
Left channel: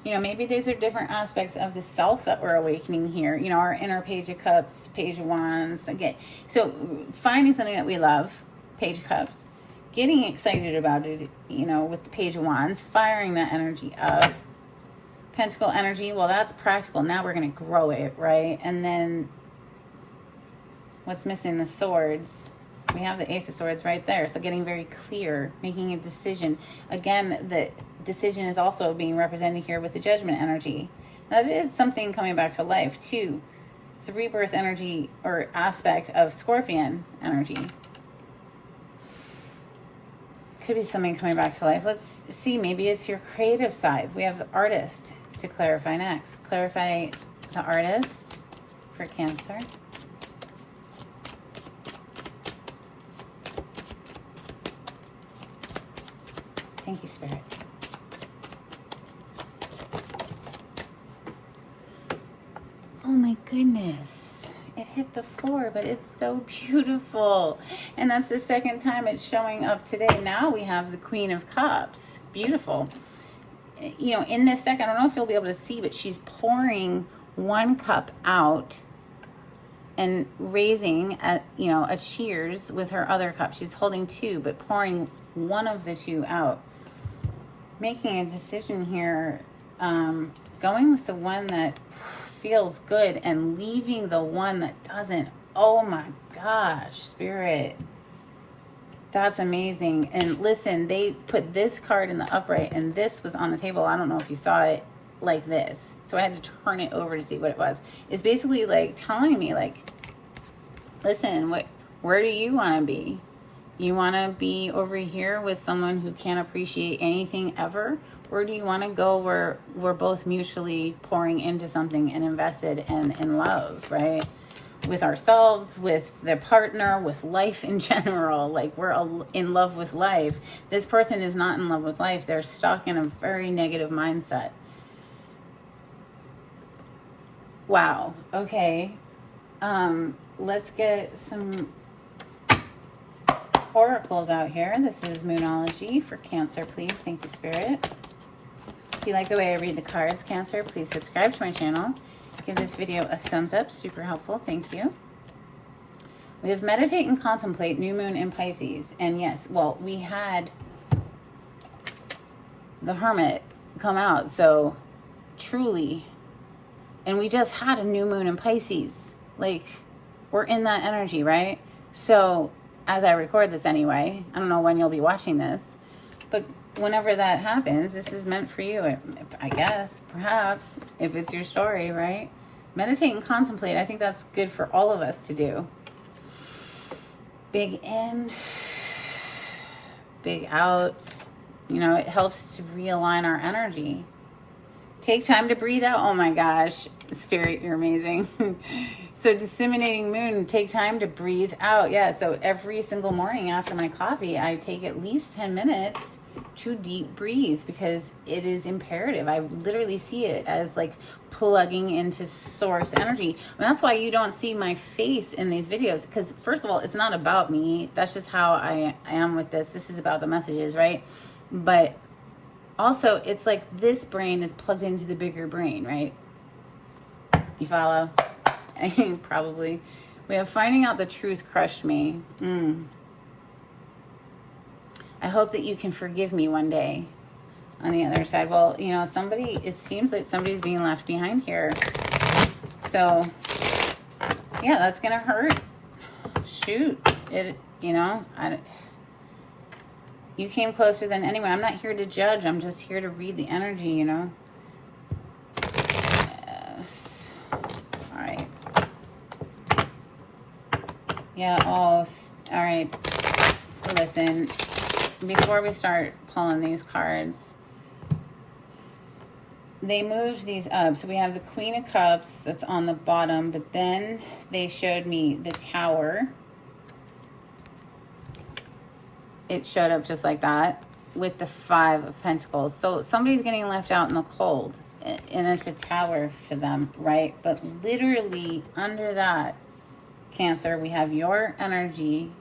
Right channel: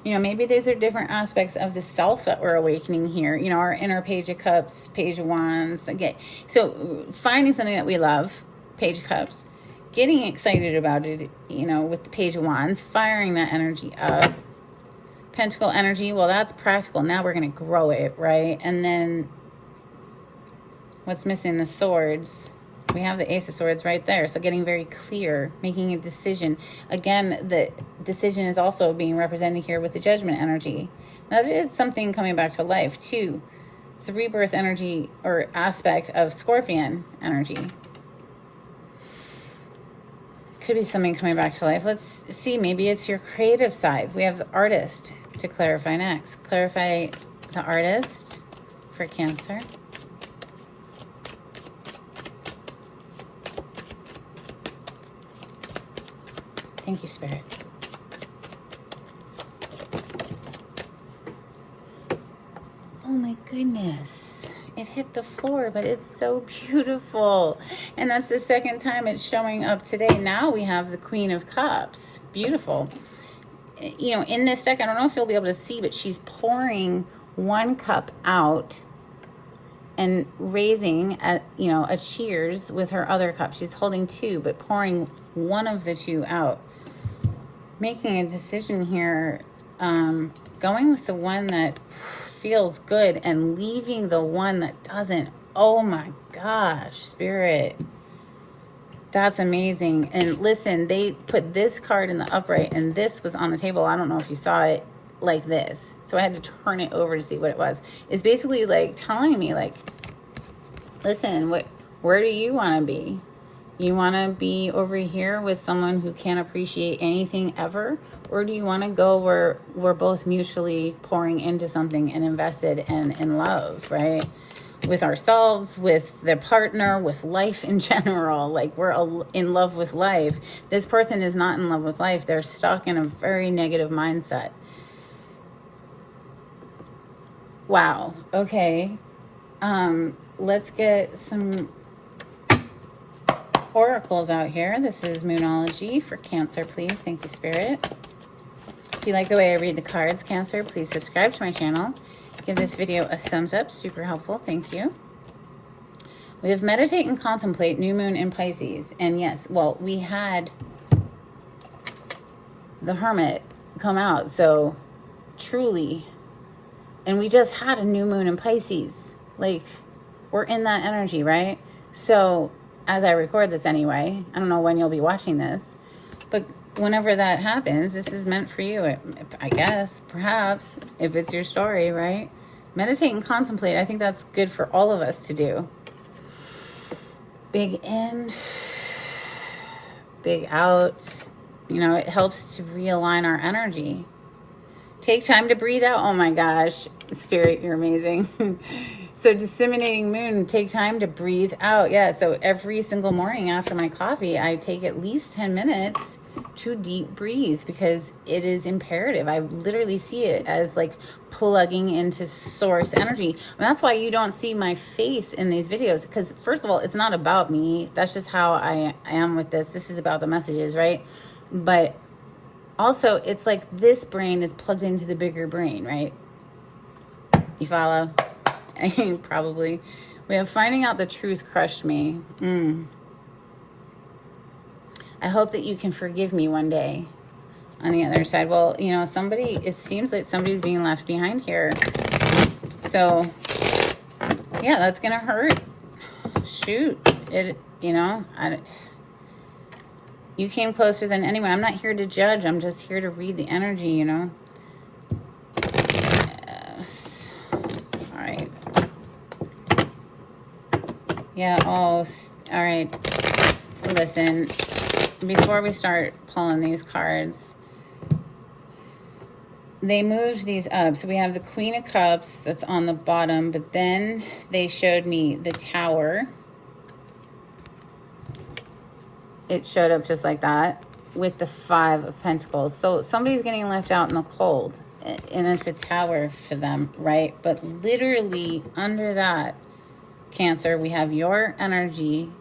You know, maybe these are different aspects of the self that we're awakening here. You know, our inner Page of Cups, Page of Wands. Okay, so finding something that we love, Page of Cups, getting excited about it, you know, with the Page of Wands, firing that energy up. Pentacle energy, well, that's practical. Now we're going to grow it, right? And then what's missing? The Swords. We have the Ace of Swords right there. So getting very clear, making a decision. Again, the decision is also being represented here with the Judgment energy. Now, it is something coming back to life, too. It's the rebirth energy or aspect of Scorpion energy. Could be something coming back to life. Let's see. Maybe it's your creative side. We have the artist to clarify next. Clarify the artist for Cancer. Thank you, Spirit. Oh my goodness. It hit the floor, but it's so beautiful. And that's the second time it's showing up today. Now we have the Queen of Cups. Beautiful. You know, in this deck, I don't know if you'll be able to see, but she's pouring one cup out and raising a, you know, a cheers with her other cup. She's holding two, but pouring one of the two out. Making a decision here, going with the one that feels good and leaving the one that doesn't. Oh my gosh, Spirit. That's amazing. And listen, they put this card in the upright and this was on the table. I don't know if you saw it like this. So I had to turn it over to see what it was. It's basically like telling me, like, listen, where do you want to be? You want to be over here with someone who can't appreciate anything ever? Or do you want to go where we're both mutually pouring into something and invested and in love, right? With ourselves, with the partner, with life in general. Like, we're in love with life. This person is not in love with life. They're stuck in a very negative mindset. Wow. Okay. Let's get some oracles out here. This is Moonology for Cancer, please. Thank you, Spirit. If you like the way I read the cards, Cancer, please subscribe to my channel. Give this video a thumbs up. Super helpful. Thank you. We have meditate and contemplate, new moon in Pisces. And yes, well, we had the Hermit come out. So truly, and we just had a new moon in Pisces. Like, we're in that energy, right? So as I record this anyway, I don't know when you'll be watching this, but whenever that happens, this is meant for you, I guess, perhaps, if it's your story, right? Meditate and contemplate. I think that's good for all of us to do. Big in, big out. You know, it helps to realign our energy. Take time to breathe out. Oh my gosh, Spirit, you're amazing. So disseminating moon, take time to breathe out. Yeah, so every single morning after my coffee, I take at least 10 minutes to deep breathe because it is imperative. I literally see it as like plugging into source energy. And that's why you don't see my face in these videos, because first of all, it's not about me. That's just how I am with this. This is about the messages, right? But also, it's like this brain is plugged into the bigger brain, right? You follow? Probably. We have finding out the truth crushed me. I hope that you can forgive me one day. On the other side, well, you know, it seems like somebody's being left behind here. So, yeah, that's gonna hurt. Shoot. You know, you came closer than anyone. I'm not here to judge. I'm just here to read the energy, you know. Yes. All right. Yeah, all right. Listen, before we start pulling these cards, they moved these up. So we have the Queen of Cups that's on the bottom, but then they showed me the Tower. It showed up just like that with the Five of Pentacles. So somebody's getting left out in the cold, and it's a Tower for them, right? But literally under that, Cancer, we have your energy,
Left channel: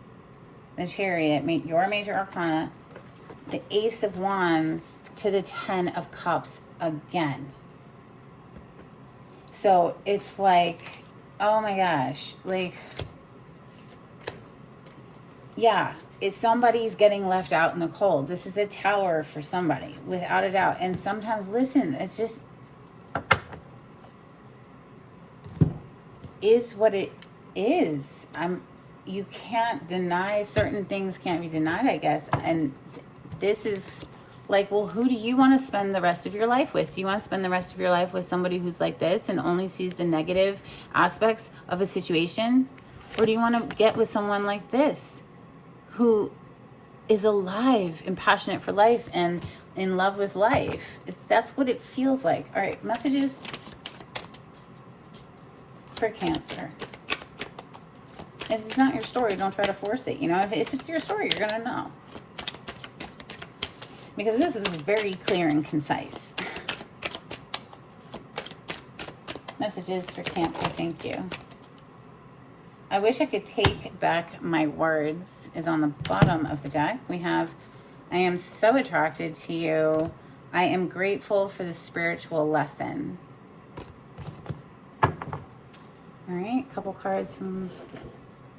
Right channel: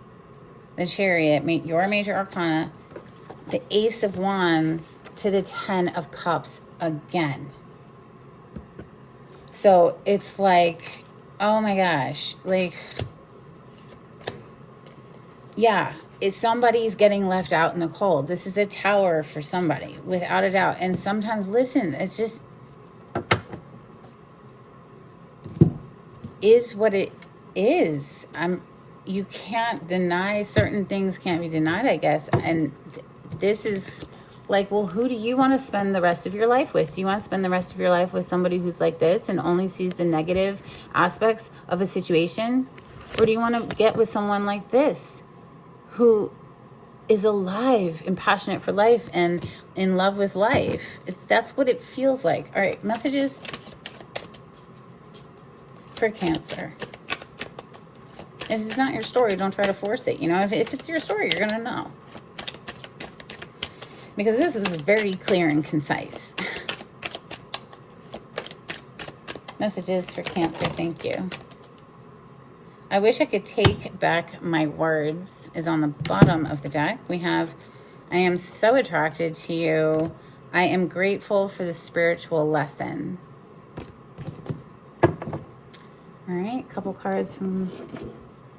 the Chariot, your major arcana, the Ace of Wands to the 10 of Cups again. So it's like, oh my gosh, like, yeah, somebody's getting left out in the cold. This is a Tower for somebody, without a doubt. And sometimes, listen, it's just is what it is. You can't deny certain things, can't be denied, I guess. And this is like, well, who do you want to spend the rest of your life with? Do you want to spend the rest of your life with somebody who's like this and only sees the negative aspects of a situation? Or do you want to get with someone like this, who is alive and passionate for life and in love with life. That's what it feels like. All right, messages for Cancer. If it's not your story, don't try to force it. You know, if it's your story, you're going to know. Because this was very clear and concise. Messages for Cancer, thank you. I wish I could take back my words is on the bottom of the deck. We have, I am so attracted to you. I am grateful for the spiritual lesson. All right, a couple cards from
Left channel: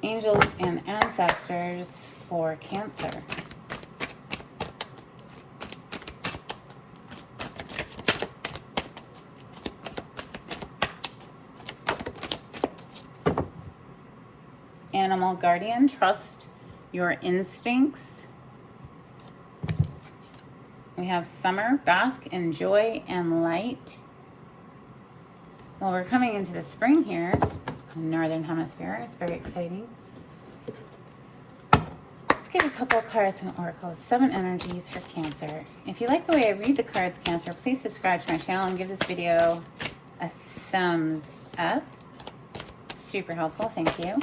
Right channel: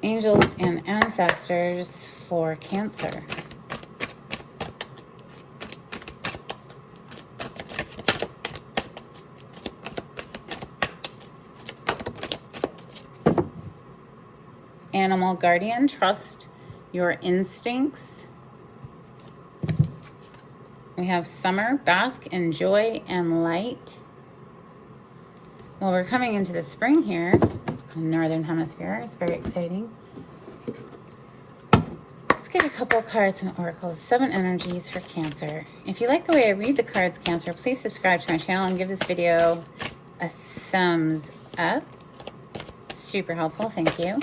angels and ancestors for Cancer. Animal guardian, trust your instincts. We have summer, bask in joy and light. Well, we're coming into the spring here in the Northern Hemisphere. It's very exciting. Let's get a couple of cards from Oracle. 7 energies for Cancer. If you like the way I read the cards, Cancer, please subscribe to my channel and give this video a thumbs up. Super helpful, thank you.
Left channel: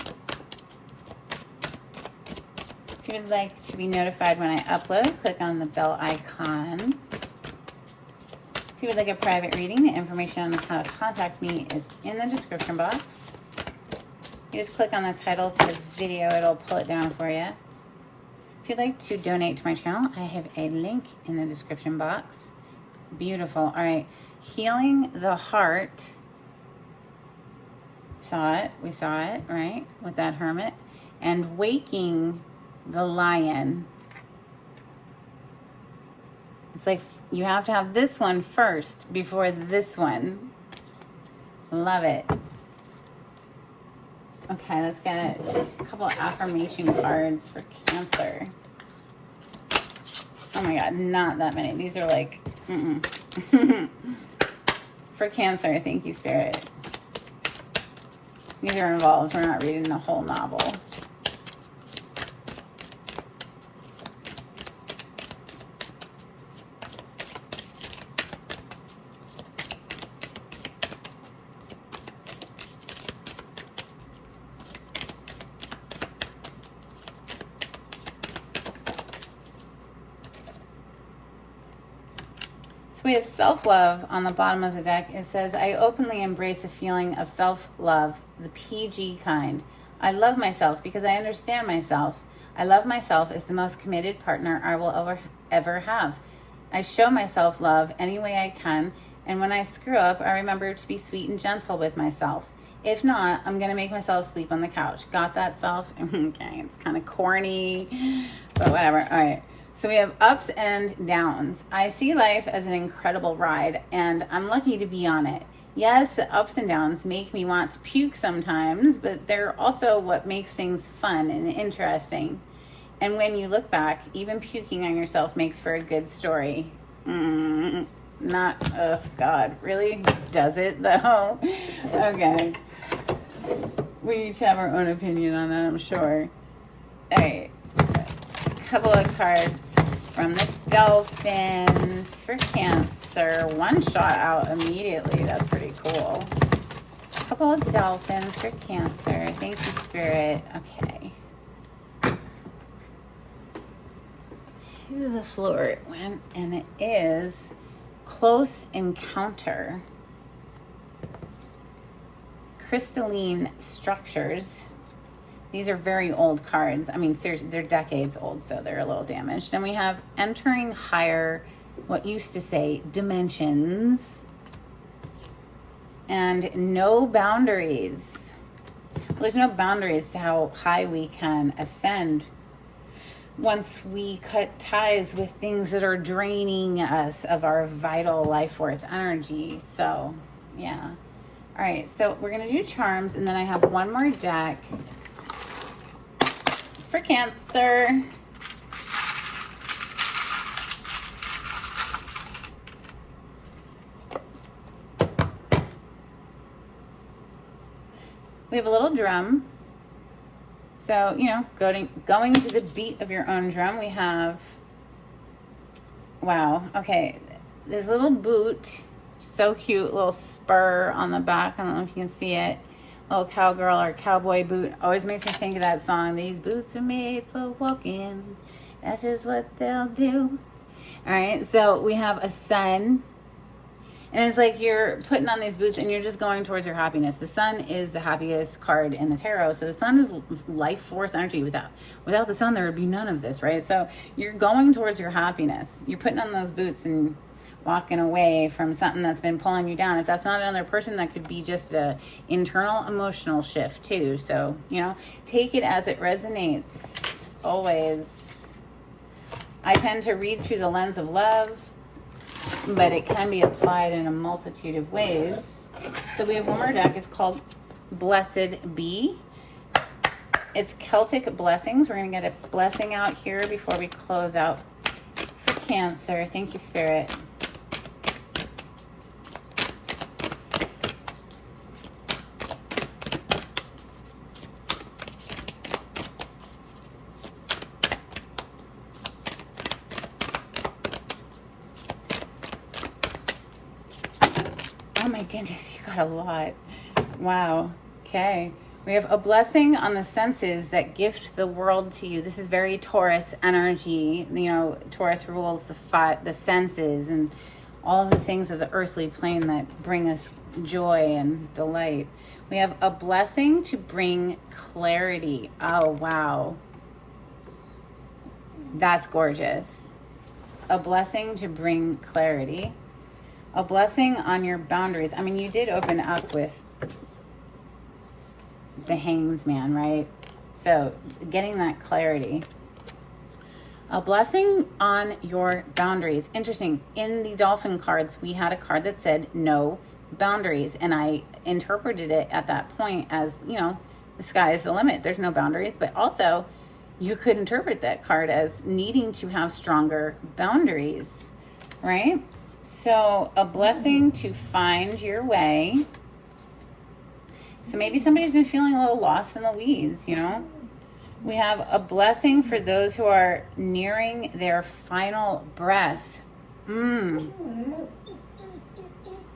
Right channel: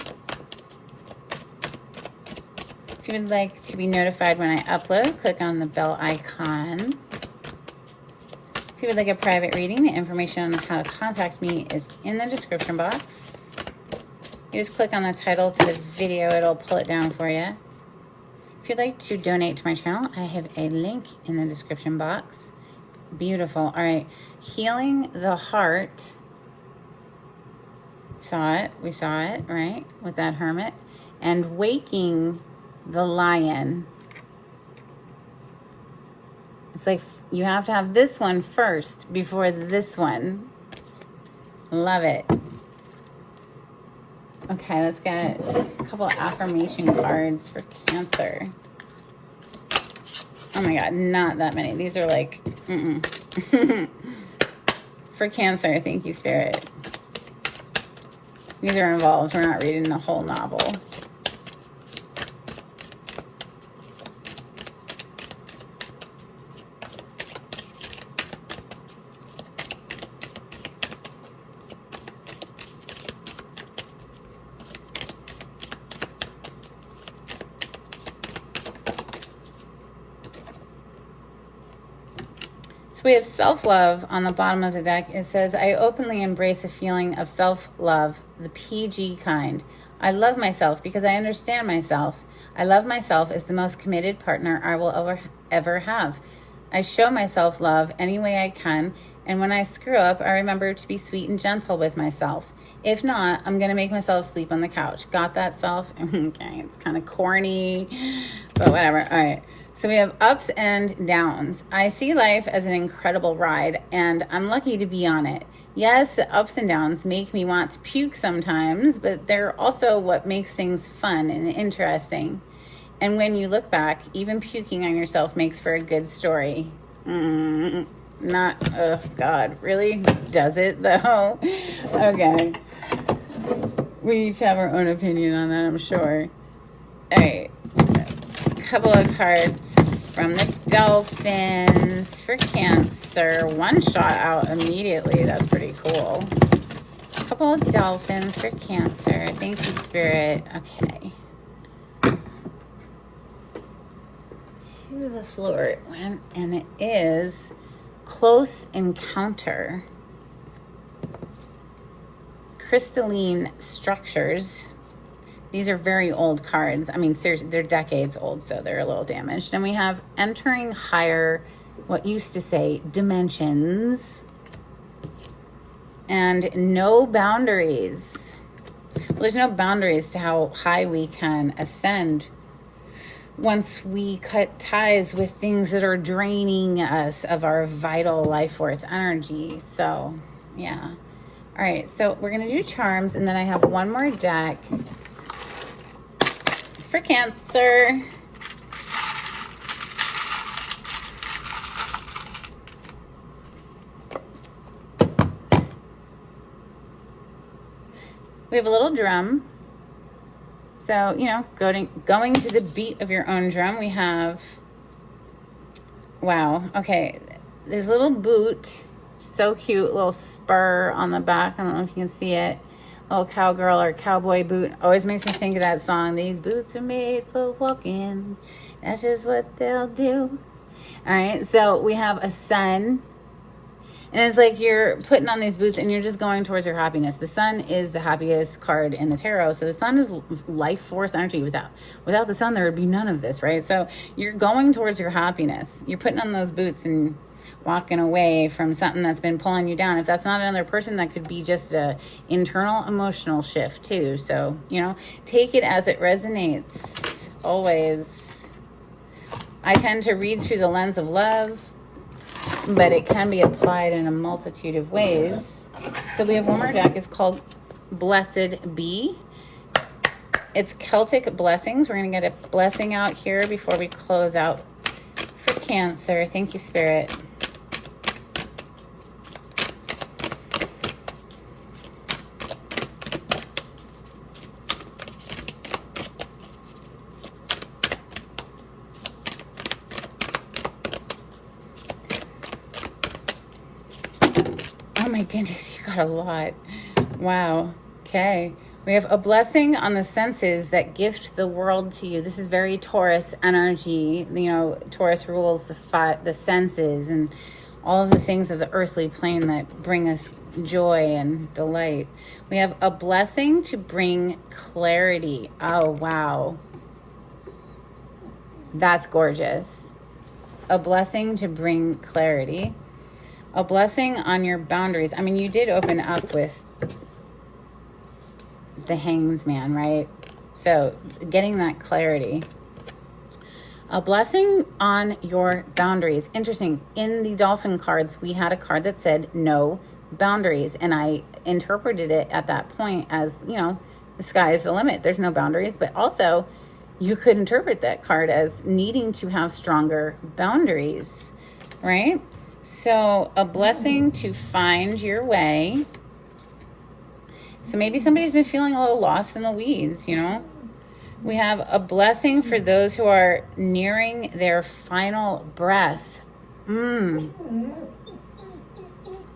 If you would like to be notified when I upload, click on the bell icon. If you would like a private reading, the information on how to contact me is in the description box. You just click on the title to the video, it'll pull it down for you. If you'd like to donate to my channel, I have a link in the description box. Beautiful. All right, healing the heart. We saw it, right, with that hermit. And waking the lion. It's like you have to have this one first before this one. Love it. Okay, let's get a couple of affirmation cards for Cancer. Oh my God, not that many. These are like, for Cancer, thank you, Spirit. These are involved. We're not reading the whole novel. So we have self-love on the bottom of the deck. It says, I openly embrace a feeling of self-love, the PG kind. I love myself because I understand myself. I love myself as the most committed partner I will ever have. I show myself love any way I can, and when I screw up, I remember to be sweet and gentle with myself. If not, I'm going to make myself sleep on the couch. Got that, self? Okay, it's kind of corny, but whatever. All right. So we have ups and downs. I see life as an incredible ride, and I'm lucky to be on it. Yes, the ups and downs make me want to puke sometimes, but they're also what makes things fun and interesting. And when you look back, even puking on yourself makes for a good story. Not, oh God, really? Does it though? Okay. We each have our own opinion on that, I'm sure. All right. Couple of cards from the Dolphins for Cancer. One shot out immediately. That's pretty cool. A couple of Dolphins for Cancer. Thank you, Spirit. Okay. To the floor it went, and it is Close Encounter. Crystalline structures. These are very old cards. I mean, seriously, they're decades old, so they're a little damaged. And we have entering higher, what used to say, dimensions. And no boundaries. Well, there's no boundaries to how high we can ascend once we cut ties with things that are draining us of our vital life force energy. So, yeah. All right, so we're going to do charms, and then I have one more deck for Cancer. We have a little drum. So, you know, going to the beat of your own drum, we have, wow, okay, this little boot, so cute, little spur on the back. I don't know if you can see it. Little cowgirl or cowboy boot. Always makes me think of that song. These boots are made for walking. That's just what they'll do. All right, so we have a sun. And it's like you're putting on these boots and you're just going towards your happiness. The sun is the happiest card in the tarot. So the sun is life force energy. Without the sun, there would be none of this, right? So you're going towards your happiness. You're putting on those boots and walking away from something that's been pulling you down. If that's not another person, that could be just a internal emotional shift too. So, you know, take it as it resonates. Always. I tend to read through the lens of love, but it can be applied in a multitude of ways. So we have one more deck. It's called Blessed Be. It's Celtic Blessings. We're going to get a blessing out here before we close out for Cancer. Thank you, Spirit. Oh my goodness, you got a lot. Wow. Okay. We have a blessing on the senses that gift the world to you. This is very Taurus energy. You know, Taurus rules the senses and all of the things of the earthly plane that bring us joy and delight. We have a blessing to bring clarity. Oh, wow. That's gorgeous. A blessing to bring clarity. A blessing on your boundaries. I mean, you did open up with the Hanged Man, right? So getting that clarity. A blessing on your boundaries. Interesting. In the Dolphin cards, we had a card that said no boundaries. And I interpreted it at that point as, you know, the sky is the limit. There's no boundaries. But also, you could interpret that card as needing to have stronger boundaries, right? So a blessing to find your way. So maybe somebody's been feeling a little lost in the weeds, you know. We have a blessing for those who are nearing their final breath.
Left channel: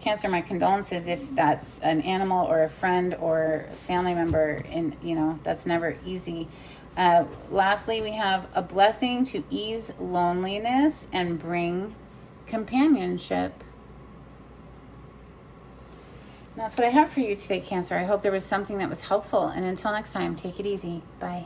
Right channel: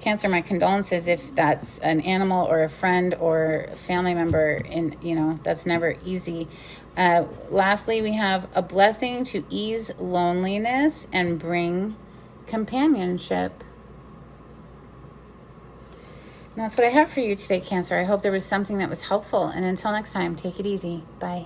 Cancer, my condolences if that's an animal or a friend or a family member, and you know, that's never easy. Lastly, we have a blessing to ease loneliness and bring companionship. And that's what I have for you today, Cancer. I hope there was something that was helpful. And until next time, take it easy. Bye.